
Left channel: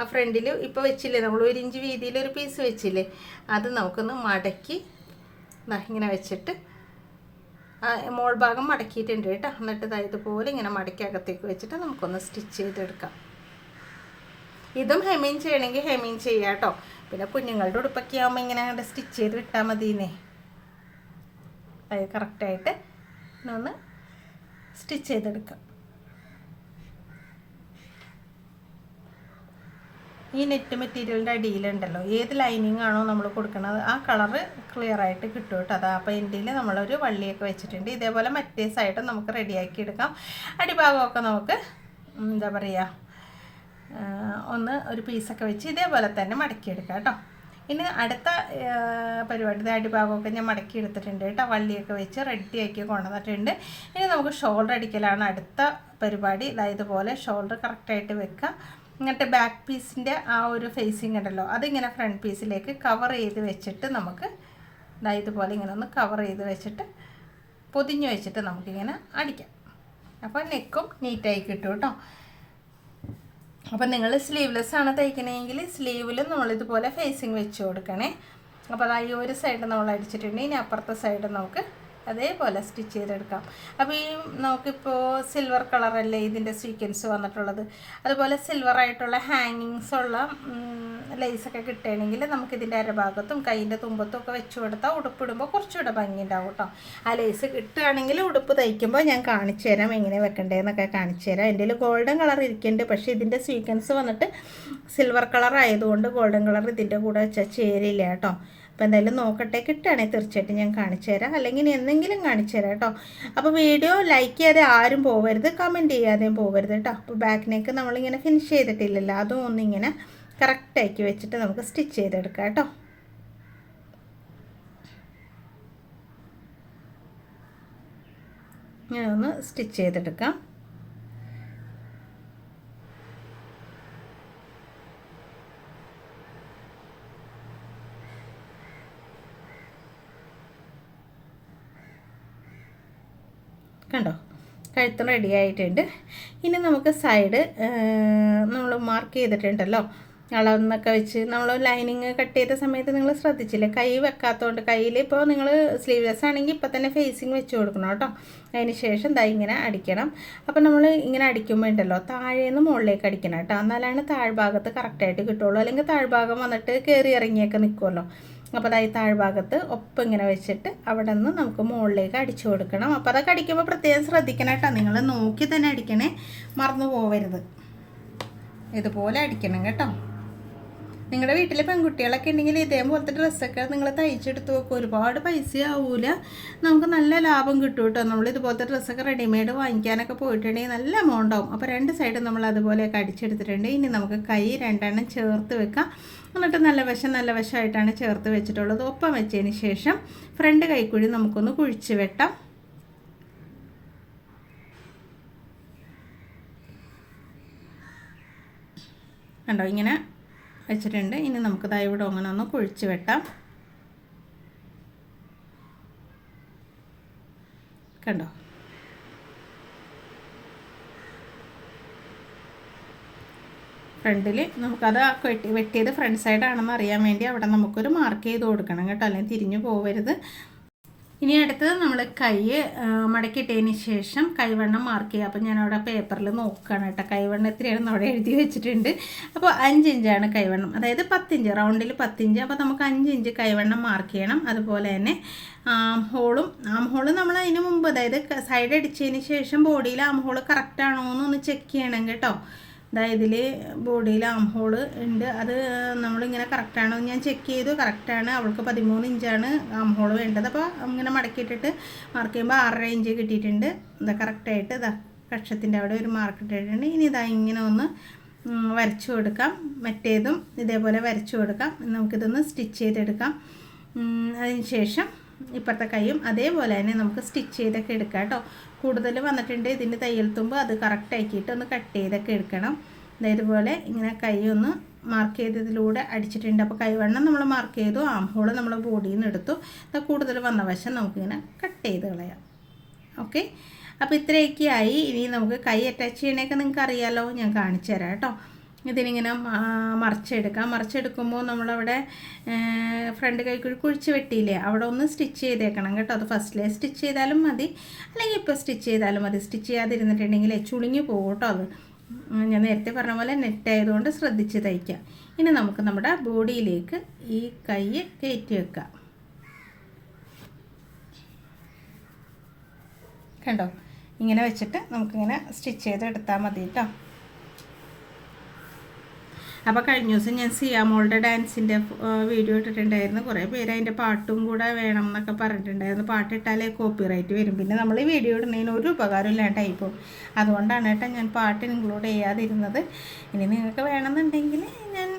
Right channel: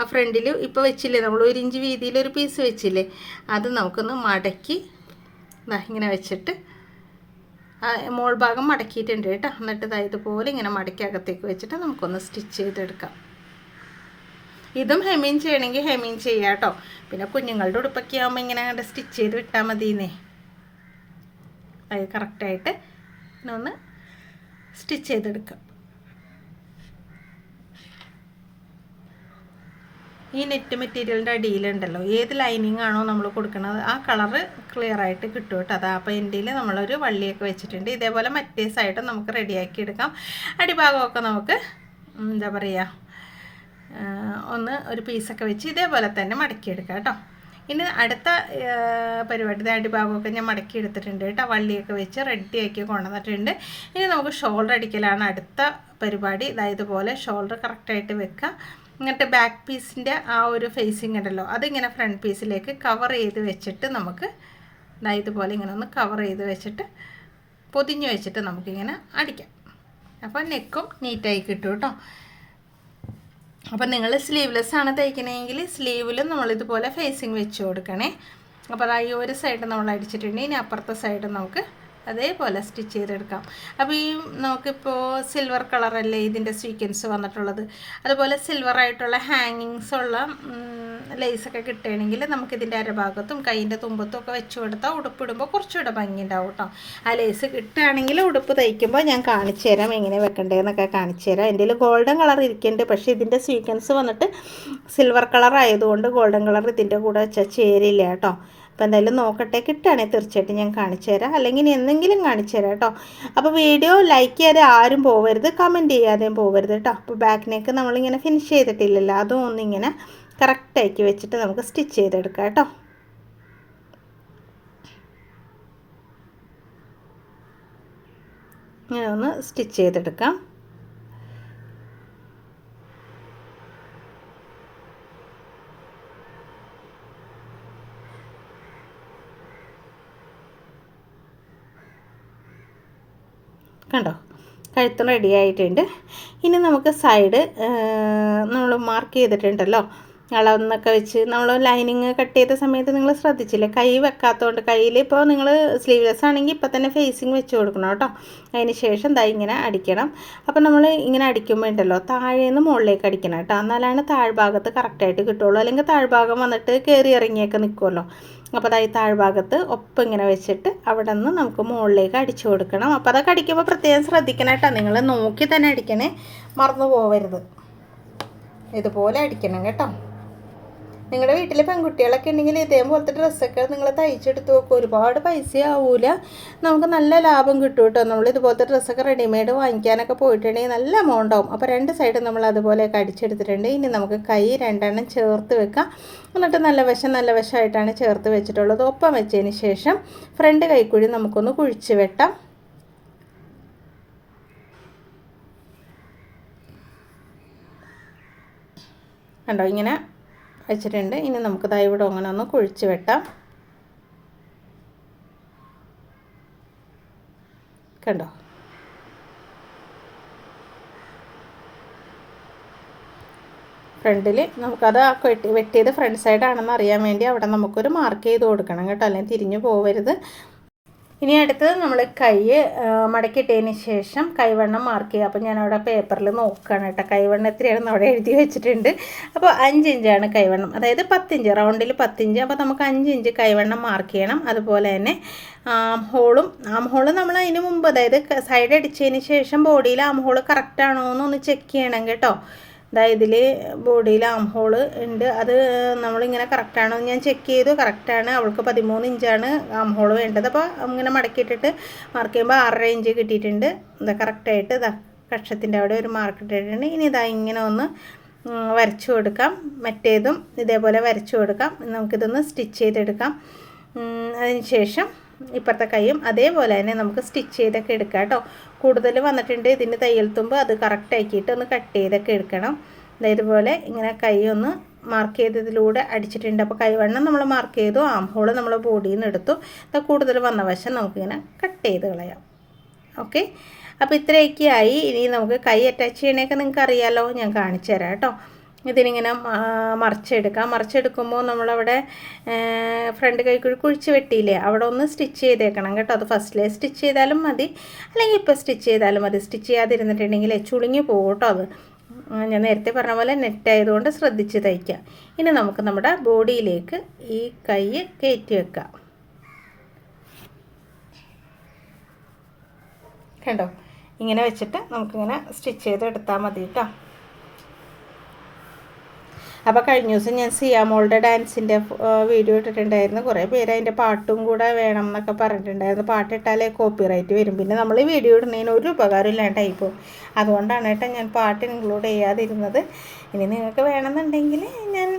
ആ ഫ്രണ്ടിൽ ഇപ്പോൾ വെച്ചില്ലേ? നമ്മൾ ഒരു ഇഞ്ച് വീതിയിൽ ഒരു പീസ് വെച്ചില്ലേ? അത് നമുക്കൊന്ന് മടക്കി ഇതാ ഇങ്ങനെ വെച്ചിട്ട് മോൾ ഭാഗം മടക്കിയിട്ടുണ്ട് കേട്ടോ. എന്നിട്ട് ഇതാ ഇതുപോലെ ഇങ്ങനെ മടക്കി അകത്തേക്ക് വെച്ചിട്ട് നമുക്കൊന്ന് സ്റ്റിച്ച് ചെയ്തെടുക്കാം. ഇതും ഹെമീൻ ചെയ്യണമെങ്കിൽ ഹെമീൻ ചെയ്യാം കേട്ടോ. പിന്നെ കുഞ്ഞുങ്ങളുടെ ഉടുപ്പൊക്കെ ആകുമ്പോൾ ഇങ്ങനെ സ്റ്റിച്ച് ചെയ്ത് വിട്ടാൽ മതിയെന്നേ. അത് കറക്റ്റായിട്ട് ഒന്ന് സ്റ്റിച്ച് ചെയ്തെടുക്കാം ഈ നെറ്റ് മെറ്റീരിയലിന്റെ അടിയിലുണ്ടല്ലോ ഏത് ലൈനിങ് ആണോ നമ്മൾ കൊടുക്കുന്നത് ആ കളറ് ക്ലിയർ ആയിട്ട് കിട്ടും കേട്ടോ. അതാ അപ്പോൾ എന്റെ നമ്മളൊരു വള്ളിയൊക്കെ വെച്ചിട്ടുണ്ട്. ഇതേപോലെ മറ്റേ സൈഡും നമുക്ക് റെഡിയാക്കി എടുക്കാം. അടിഭാഗമൊക്കെ നമുക്ക് എന്താ പറയുക ഒന്ന് ഒരു പീസൊക്കെ വെച്ച് ഇതേപോലെ തന്നെ മടക്കിയെടുക്കാം കേട്ടോ. ഇനി അടുത്ത പരിപാടി അടിഭാഗമൊക്കെ ഞാൻ മടക്കി എടുത്തിട്ടുണ്ട് കേട്ടോ. വള്ളിയൊക്കെ വെച്ച് റെഡിയാക്കി കൊണ്ടുവന്നിട്ടുണ്ട്. ഇനി നമുക്ക് ഷോൾഡർ അടിക്കലാണ് അടുത്ത പരിപാടി. ഇതായതുപോലെ ഷോൾഡർ കറക്റ്റായിട്ട് വെക്കുക ഇങ്ങനത്തെ ബാക്ക് പീസിന്റെ ആ ഒരു ഫേസിങ് ഉണ്ടല്ലോ അതിങ്ങനെ ഫ്രണ്ട് പീസിലേക്ക് കവർ ചെയ്ത് വെച്ചിട്ട് നമുക്ക് ഇതുപോലെ ഇങ്ങനെ ഒന്ന് കവർ ചെയ്ത് വെച്ചിട്ട് പൊതിഞ്ഞ് വെച്ചിട്ട് നമുക്കിങ്ങനെ അടിക്കാം. അപ്പോൾ നെക്കും നീറ്റായി കിട്ടും കേട്ടോ. അപ്പം നിങ്ങൾ സ്ലീവ്ലെസ് ആണ് തയ്ക്കണമെങ്കിൽ സ്ലീവിൽ നമ്മളിതുപോലെ ഫേസിങ് വെച്ച് കൊടുക്കണേ. അപ്പോൾ ഈ ഒരു സൈഡ് നമ്മൾ അടിച്ചിട്ടുണ്ട് ഇനി അപ്പുറത്തെ സൈഡ് നമുക്ക് അതേപോലെ സ്റ്റിച്ച് ചെയ്തെടുക്കാം. അപ്പോൾ ഈ നമുക്കിപ്പോൾ സിൽവർ കളറല്ലേ ഇതിന്റെ സ്വീക്വൻസ് വന്നിട്ടുള്ളത്? അതുപോലെ സിൽവർ ആയിട്ടുള്ള ഹാങ്ങിങ്സ് ഉള്ള ലേസൊക്കെ കിട്ടുകയാണെങ്കിൽ നമുക്കിതിന്റെ അരഭാഗത്തും കൈയിന്റെ തുമ്പത്തും ഒക്കെ വെച്ച് കൊടുത്താൽ ഉടുപ്പിടുമ്പോൾ കുറച്ചുകൂടെ ഭംഗി ഉണ്ടാവും കേട്ടോ ആ ലേസ് കിട്ടുകയാണെങ്കിൽ ഉടുപ്പ് തയ്ക്കുമ്പോൾ ഞാൻ കാണിച്ചു തരാം എങ്ങനെ വെക്കണ്ടേന്നൊക്കെ കാണിച്ചു തരാം. എന്റെ ഗോൾഡൻ കളർ ഇരിക്കുന്നുണ്ട്. പക്ഷേ ഇതിന്റെ സ്വീക്വൻസ് വന്നിട്ട് സിൽവർ കളർ ആയതുകൊണ്ട് ഗോൾഡൻ കളർ ഇതിന്റെ കൂടെ വെച്ചാൽ ചേരില്ല കേട്ടോ അപ്പോൾ എന്തായാലും നോക്കട്ടെ കിട്ടുകയാണെങ്കിൽ തീർച്ചയായിട്ടും ഞാൻ കാണിച്ചു തരാം. അല്ലെങ്കിൽ എന്തെങ്കിലും കാണിച്ചു തരാം കേട്ടോ. അപ്പോൾ വീഡിയോ ലൈക്ക് ചെയ്യാതെ ആരും പോകരുത് കമന്റ് ചെയ്യാതെയും പോകരുത് കേട്ടോ. അപ്പോൾ ബാക്ക് നെക്ക് നമ്മളിങ്ങനെ ഫിനിഷ് ചെയ്തിട്ടില്ലല്ലോ അതും ഒന്നിങ്ങനെ കറക്റ്റാക്കി വെച്ചിട്ട് നമുക്ക് സ്റ്റിച്ച് ചെയ്തെടുക്കാം കേട്ടോ. ഇങ്ങനെ ഒന്ന് സ്റ്റിച്ച് ചെയ്തെടുക്കാം. കണ്ടോ? കഴുത്ത് റെഡി ആയിട്ടുണ്ട്. ഇനി നമുക്ക് സൈഡ് നമ്മൾ മാർക്ക് ചെയ്തിട്ടുണ്ടല്ലോ. അളവെന്നൊക്കെ വെച്ച് നമ്മൾ ലൈനിങ് കട്ട് ചെയ്ത സമയത്ത് നിങ്ങൾ ശ്രദ്ധിച്ചില്ലേ? കൈ വെക്കാത്തതുകൊണ്ട് കയ്യിൽ ഇപ്പോൾ നിങ്ങൾ സ്ലീവ്ലെസ് ആണെങ്കിൽ ഇപ്പോൾ തന്നെ ഫേസിങ് വെച്ച് കൊടുക്കണം കേട്ടോ. അതിന് ശേഷം ദാ ഇങ്ങനെ അടിക്കണം. അപ്പോൾ നമ്മൾ ഇങ്ങനെ അടിക്കുമ്പോൾ ഉണ്ടല്ലോ താഴേന്ന് മുകളിലേക്ക് അടിക്കണം കേട്ടോ. എന്നാലാണ് താഴ്ഭാഗത്ത് കറക്റ്റായിട്ട് കിട്ടുള്ളൂ. അല്ലെങ്കിൽ താഴ്ഭാഗം വന്നിട്ട് കയറി ഇറങ്ങിയൊക്കെ നിൽക്കുമല്ലോ അപ്പോൾ അതായത് താഴ്ഭാഗത്ത് ഒപ്പം ഇങ്ങനെ വെച്ചിട്ട് അവിടെ നിന്ന് നമുക്ക് മുകളിലേക്ക് അടിച്ചു കൊടുക്കണം. അപ്പോൾ അതൊക്കെ അടിക്കുമ്പോൾ പ്രത്യേകം ശ്രദ്ധിക്കണം കേട്ടോ. നിങ്ങൾ നോക്കി തന്നെ അടിക്കണേ. മറന്നു പോവരുത്. ഇതുപോലെ അടിക്കണം കേട്ടോ. നിങ്ങളുടെ വീട്ടിലെ പെൺകുട്ടികളൊക്കെ ഉണ്ടെങ്കിൽ ഇതേപോലത്തെ ഡ്രസ്സൊക്കെ നിങ്ങൾ തയ്ച്ചെടുത്ത് വെക്കും. ഒരുപാട് പൈസ ആവൂല നമുക്ക് നല്ല ലാഭം കിട്ടും കേട്ടോ നമ്മൾ ഇതുപോലത്തെ ഡ്രസ്സൊക്കെ റെഡിമെയ്ഡ് വാങ്ങിക്കാനൊക്കെ പോയിട്ടുണ്ടെങ്കിൽ നല്ല എമൗണ്ട് ആവും. അപ്പോൾ രണ്ട് സൈഡും നമ്മൾ അതുപോലെയൊക്കെ അടിച്ചെടുത്തിട്ടുണ്ട്. ഇനി നമുക്ക് കൈ രണ്ടെണ്ണം ചേർത്ത് വെക്കാം. എന്നിട്ട് നല്ല വശം നല്ല വശമായിട്ടാണ് ചേർത്ത് വെച്ചിട്ടുള്ളത്. ഒപ്പം വെച്ചതിന് ശേഷം ഫ്രണ്ട് കൈക്കുഴി നമുക്കൊന്ന് കുഴിച്ച് വെട്ടാം. കണ്ടോ? ഇങ്ങനെ വെച്ചിട്ടുണ്ട്. ഇനി നമുക്ക് ദാ ഇവിടെ അങ്ങനെ ഒന്ന് കുഴിച്ച് വെട്ടാം. കണ്ടോ? ഫ്രണ്ടിൽ നമുക്കത് വെട്ടി വെട്ടിയത് ഫ്രണ്ട് സൈഡാണെന്ന് അറിയാൻ വേണ്ടി അവിടെ നമുക്കൊരു മാർക്ക് ചെയ്ത് കൊടുക്കണം കേട്ടോ. അല്ലെങ്കിൽ തിരിഞ്ഞു പോകരുത് ഇനി അടുത്തത് നമ്മൾ കൈ മടക്കിയിട്ടതിന് ശേഷം കൈവണ്ണം മാർക്ക് ചെയ്യുക. അപ്പോൾ ഞാൻ അവിടെ പേപ്പറിൽ നോക്കുകയാണ് കേട്ടോ. കൈവണ്ണം എത്രയാണെന്ന് അവിടെ എഴുതി വെച്ചിട്ടുണ്ട്. അപ്പോൾ അഞ്ച് ഇഞ്ചാണ് കൈവണ്ണം. അതായത് പത്തിഞ്ച് റൗണ്ടിൽ പത്തിഞ്ച് അപ്പോൾ നമുക്ക് അഞ്ച് ഇഞ്ച് കൈവണ്ണം മാർക്ക് ചെയ്യണം. അതുപോലെ തന്നെ ആം ഹോളും ആം ഹോൾ നമ്മൾ അതിന് മുമ്പ് അതായത് സൈഡ് അടിച്ചതിന് ശേഷം ബോഡിയിൽ ആം ഹോൾ കറക്റ്റാണോ എന്നൊന്ന് ചെക്ക് ചെയ്യണം കേട്ടോ. അതായത് ഇതിൽ ബോഡിയിൽ ആം ഹോൾ ഉണ്ട്. അത് നമ്മളിങ്ങനെ കറക്റ്റാണോ ഞാൻ ചെക്ക് ചെയ്തു. കറക്റ്റാണ് അവൾക്ക് പതിമൂന്ന് ഇഞ്ചാണ് ആം ഹോൾ വേണ്ടത്. അപ്പോൾ ഇങ്ങനെ മടക്കിയിട്ടിട്ട് മാർക്ക് ചെയ്യുമ്പോൾ ആറര ഇഞ്ച് കിട്ടിയിട്ടുണ്ട്. ഇതാ കറക്റ്റായിട്ട് ഇതാ കക്ഷത്തിന്റെ അവിടെ ഒരു മാർക്ക് ഇട്ടിട്ടുണ്ട്. ഇനി ഇതാ ഇങ്ങനെ ഒന്ന് വരച്ചു കൊടുക്കാം. മറ്റേതും ഇതേപോലെ വരച്ചു കൊടുക്കാം. നമുക്കിതൊന്ന് സ്റ്റിച്ച് ചെയ്തെടുക്കാം. അതിന് ശേഷം ഇപ്പുറത്തെ കൈയും അതേപോലെ തന്നെ നമുക്ക് സ്റ്റിച്ച് ചെയ്തൊക്കെ എടുക്കാം കേട്ടോ. കൂടുതൽ വന്നിട്ടുണ്ട്. ഇതിന്റെ തയ്യൽ തുമ്പ് അത് കറക്റ്റ് ആക്കിയിട്ട് ഒന്ന് കട്ട് ചെയ്തൊക്കെ എടുക്കണം. ഇതേപോലെ ഇങ്ങനെ കൈ ഒന്ന് മാർക്ക് ചെയ്തതിലൂടെ അടിച്ചിട്ടുണ്ട്. അപ്പോൾ കൈവണ്ണം നമ്മൾ മാർക്ക് ചെയ്തു. ആം ഹോൾ നമ്മൾ ബോഡിയിൽ നിന്ന് എടുത്തു. അത് കൂടുതൽ വന്ന വശം നമുക്കിങ്ങനെ കട്ട് ചെയ്ത് കളയാം. ഓക്കെ അപ്പോൾ ഇത്രയൊക്കെ ആയി ഇനി നമുക്ക് കൈ അറ്റാച്ച് ചെയ്യണേക്കെ നിങ്ങൾക്ക് അറിയാമല്ലോ ഞാൻ കാണിച്ചു തരാം കേട്ടോ. ഇതിനിങ്ങനെ മറിച്ചെടുക്കാം. മറിച്ചെടുക്കുമ്പോൾ നമ്മളവിടെ ഫ്രണ്ട് കൈക്കുഴി കുഴിച്ച് വെട്ടിയില്ലേ അവിടെ ഒന്ന് സ്റ്റിച്ച് ചെയ്തേക്കണം കേട്ടോ. അത് ഫസ്റ്റിലെ സ്റ്റിച്ച് ചെയ്താലും മതി. അല്ലെങ്കിൽ ഇപ്പോൾ സ്റ്റിച്ച് ചെയ്താലും മതി. സ്റ്റിച്ച് ചെയ്യാതിരുന്നിട്ടുണ്ടെങ്കിൽ ചുളുങ്ങി പോകും അത്. ഞാൻ നേരത്തെ പറഞ്ഞ പോലെ നെറ്റ് ആയതുകൊണ്ട് ശ്രദ്ധിച്ച് തയ്ക്കാം ഇനി നമുക്ക് നമ്മുടെ ബോഡിയിലേക്ക് ഈ കൈ കയറ്റി വെക്കാം. കണ്ടോ? ഇങ്ങനെ വെച്ചിട്ട് നമുക്കിങ്ങനെ സ്റ്റിച്ച് ചെയ്ത് എടുത്താൽ മതി കേട്ടോ. അപ്പോൾ കഴിഞ്ഞ ദിവസം ഞാൻ സിയാമോളുടെ ഡാൻസിന്റെ വീഡിയോ ഇട്ടിട്ടുണ്ടായിരുന്നു. കുറേ പേര് അതിന്റെ പാട്ടും കൂടെ വേണം എന്നൊക്കെ പറഞ്ഞിട്ടുണ്ടായിരുന്നു. പാട്ടിട്ടാലേ കോപ്പി റൈറ്റ് വരും. പിന്നെ നമ്മൾ ഈ വീഡിയോ ഇടുന്നതിന് ഒരു ഉപകാരം ഇല്ലാണ്ടായി പോകും അതുകൊണ്ടാണ് കേട്ടോ ഞാൻ പാട്ട് ഇൻക്ലൂഡ് ചെയ്യാതിരുന്നത്. ഇനി നിങ്ങൾക്ക് വേണമെന്നുണ്ടെങ്കിൽ ഞാൻ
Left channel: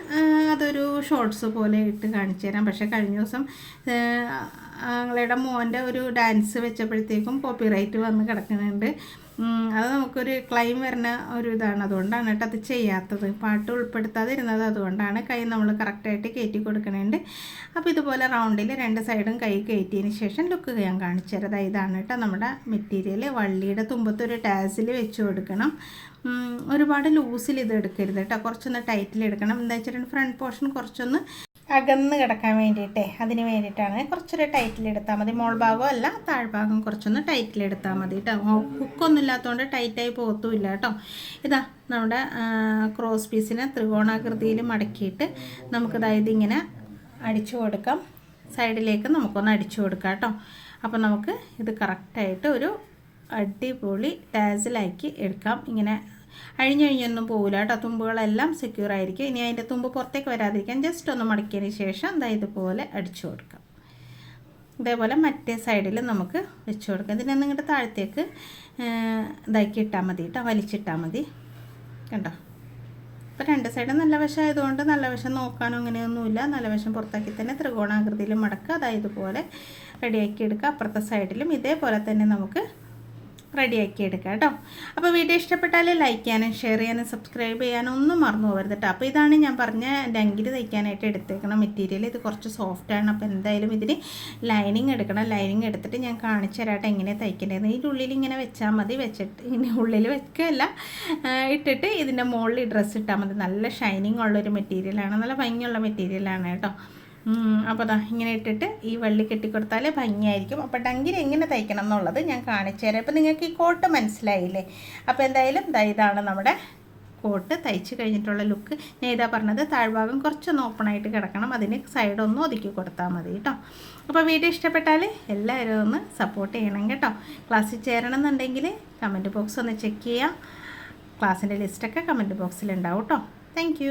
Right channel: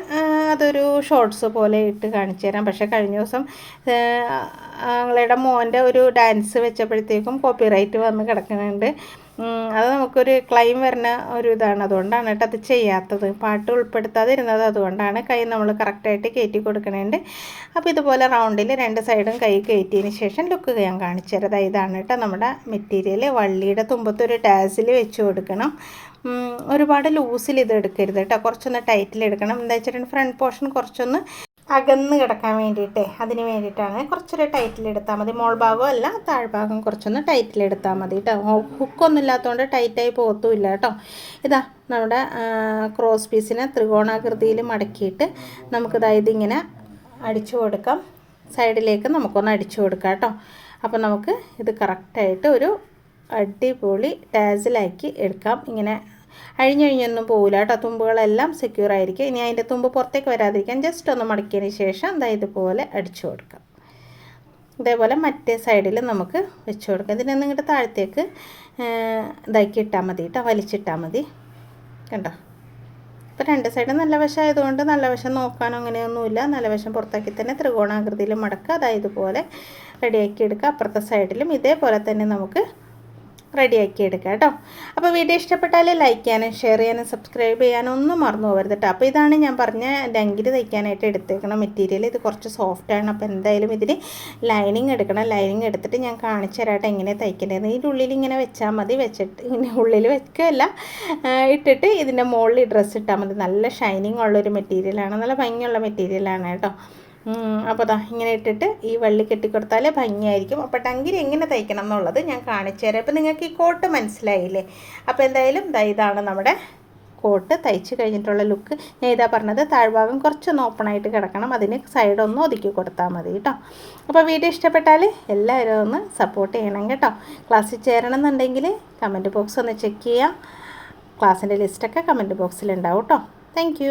അതൊരു ഷോർട്സ് പോലെ ഇട്ട് കാണിച്ചു തരാം. പക്ഷേ കഴിഞ്ഞ ദിവസം ഞങ്ങളുടെ മോന്റെ ഒരു ഡാൻസ് വെച്ചപ്പോഴത്തേക്കും കോപ്പി റൈറ്റ് വന്ന് കിടക്കുന്നുണ്ട്. അത് നമുക്കൊരു ക്ലൈം വരുന്ന ഒരു ഇതാണ് അതുകൊണ്ടാണ് കേട്ടോ അത് ചെയ്യാത്തത്. പാട്ട് ഉൾപ്പെടുത്താതിരുന്നത് അതുകൊണ്ടാണ് കൈ നമ്മൾ കറക്റ്റായിട്ട് കയറ്റി കൊടുക്കണേണ്ട്. അപ്പോൾ ഇതുപോലെ റൗണ്ടിൽ രണ്ട് സൈഡും കൈ കയറ്റിയതിന് ശേഷം ലുക്ക് ഞാൻ കാണിച്ചു തരാം. ഇതാണ് കേട്ടോ നമ്മുടെ മെറ്റീരിയൽ വള്ളിയുടെ തുമ്പത്തൊരു ടാസിൽ വെച്ച് കൊടുക്കണം. ഒരുപാട് ലൂസിൽ ഇത് എടുക്കരുത് കേട്ടോ. കുറച്ചൊന്ന് ടൈറ്റിൽ എടുക്കണം. എന്താ വെച്ചിട്ടുണ്ടെങ്കിൽ ഫ്രണ്ട് പോർഷൻ കുറച്ചൊന്ന് അകന്ന് കിടക്കാൻ വേണ്ടിയിട്ടേ അതിന് വേണ്ടിയിട്ടാണ്. കുറച്ചൊരു ടൈറ്റിൽ ടൈറ്റിലെടുത്താൽ മതി. മോൾ ഭാഗം അല്ല താഴ്ഭാഗം കുറച്ചൊന്ന് ടൈറ്റിൽ ടൈറ്റിലെടുത്താൽ മതി കേട്ടോ ഹുക്കൊന്നും ഇല്ലാത്തതുകൊണ്ട് ടൈറ്റായി പോകത്തുമില്ല കേട്ടോ ഇതാ നമ്മുടെ ക്രോസ് പീസിനെ ത്രികോണാകൃതിയിൽ മടക്കിയിട്ട് നമുക്കിതായത് ഇങ്ങനെ അടിച്ചു കൊടുക്കാം. സൈഡിലേക്ക് നമുക്കൊന്ന് അടിച്ചു കൊടുക്കാം കേട്ടോ അപ്പോൾ നമുക്ക് ഇത് കറക്റ്റായിട്ട് ഒരു അടിപൊളി ടാസിലാക്കി എടുക്കാം. ഇങ്ങനെ അഴിഞ്ഞഴിഞ്ഞൊന്നും പോകില്ല കേട്ടോ. തുമ്പുകളെല്ലാം സെക്യൂർ ആയിരിക്കും. ഇനി അതിന്റെ തുമ്പ് പുറത്തേക്ക് വരാതിരിക്കാൻ ജസ്റ്റ് ഒന്ന് മടക്കിയതിന് ശേഷം എന്താ ഇതുപോലെ അടിച്ചു കൊടുക്കാം. ഇതേപോലെ മറ്റേ സൈഡിൽ നമുക്ക് വെച്ച് കൊടുക്കാം. ഇതിനെ നിങ്ങളുടെ താഴത്തേക്ക് ഇതാക്കി ഇട്ടാൽ മതി കേട്ടോ. വലിച്ചിട്ടാൽ മതി. കണ്ടോ? ഇപ്പോൾ രണ്ട് സൈഡും നല്ല വശം ആയതുകൊണ്ട് നല്ല വശം നോക്കാനോ അങ്ങനെയൊന്നുമില്ല. നല്ല വശം പുറത്താക്കി തന്നെ ത്രികോണാകൃതിയിൽ മടക്കുക. അതായത് പോലെ റെഡിയാക്കി എടുക്കുക. അപ്പുറത്തെ സൈഡിലും ഇതേപോലെ തന്നെ നമുക്ക് റെഡിയാക്കി എടുക്കാം കേട്ടോ. അപ്പോൾ വീഡിയോ ഇഷ്ടപ്പെട്ടാൽ ലൈക്ക് ചെയ്യാനും ഷെയർ ചെയ്യാനും സബ്സ്ക്രൈബ് ചെയ്യാനും ഒന്നും മറന്നു പോകരുത് കേട്ടോ. അപ്പോൾ ഇതാണ് ഞാൻ പറഞ്ഞ ഡങ്കിരി തയ്ക്കാനായിട്ട് എടുത്തേക്കണ മെറ്റീരിയൽ ഇത് കുറച്ച് സോഫ്റ്റാണ് അപ്പോൾ എന്തായാലും ഇതിന് ലൈനിങ് എടുക്കണം. ലൈനിങ് എടുത്തിട്ട് ഞാൻ കാണിച്ചു തരാട്ടെ എങ്ങനെ തയ്ക്കേണ്ടത്. ഇതിന്റെ ഉള്ളിൽ ഇങ്ങനെ വെച്ചാൽ മതി. വെച്ചിട്ട് ഇങ്ങനെ ഉള്ളിൽ വെക്കുകയല്ല. ഇട്ടിട്ട് ഇതിന്റെ മുകളിൽ ഡ്രസ്സ് ഇട്ടാൽ മതി. നല്ല ഷൈനിങ് ഉള്ളൊരു മെറ്റീരിയലാണ് നല്ല ഭംഗിയുള്ള മെറ്റീരിയലാണ് കേട്ടോ. അപ്പോൾ അതാ ഇങ്ങനെ ഇട്ടിട്ട് ഈ വള്ളി കെട്ടിക്കൊടുത്താൽ ഭംഗിയായിരിക്കും. അപ്പോൾ ടങ്കിൽ എങ്ങനെ തയ്ക്കണം എന്നുള്ളത് ഞാൻ കാണിച്ചു തരാം. അപ്പോൾ നിങ്ങൾക്ക് ഈ കോട്ട് മനസ്സിലായില്ലേ? അപ്പോൾ എന്തായാലും ദാ ഇതാണ് നമ്മുടെ കോട്ട്. തയ്ച്ച് കഴിഞ്ഞിട്ടുള്ള ലുക്ക്. ഞാൻ ഇതാ പറഞ്ഞത് താഴ്ഭാഗം കുറച്ചൊന്ന് ഓപ്പണായിട്ട് കിടക്കണം. അതിന് സൈഡൊന്ന് ഒതുക്കി കൊടുത്താൽ മതി കേട്ടോ. അപ്പോൾ വീഡിയോ ഇഷ്ടപ്പെട്ടാൽ എല്ലാവരും ഒന്ന് സപ്പോർട്ട് ചെയ്യണം കേട്ടോ. ക്ലാസ്സിൽ ചേരണം എന്നുണ്ടെങ്കിൽ കമന്റ് ബോക്സ് ഒന്ന് ചെക്ക് ചെയ്യാം. ക്ലാസ്സിന്റെ ലിസ്റ്റൊക്കെ കമന്റ് ബോക്സിലുണ്ടാവും കേട്ടോ. താങ്ക്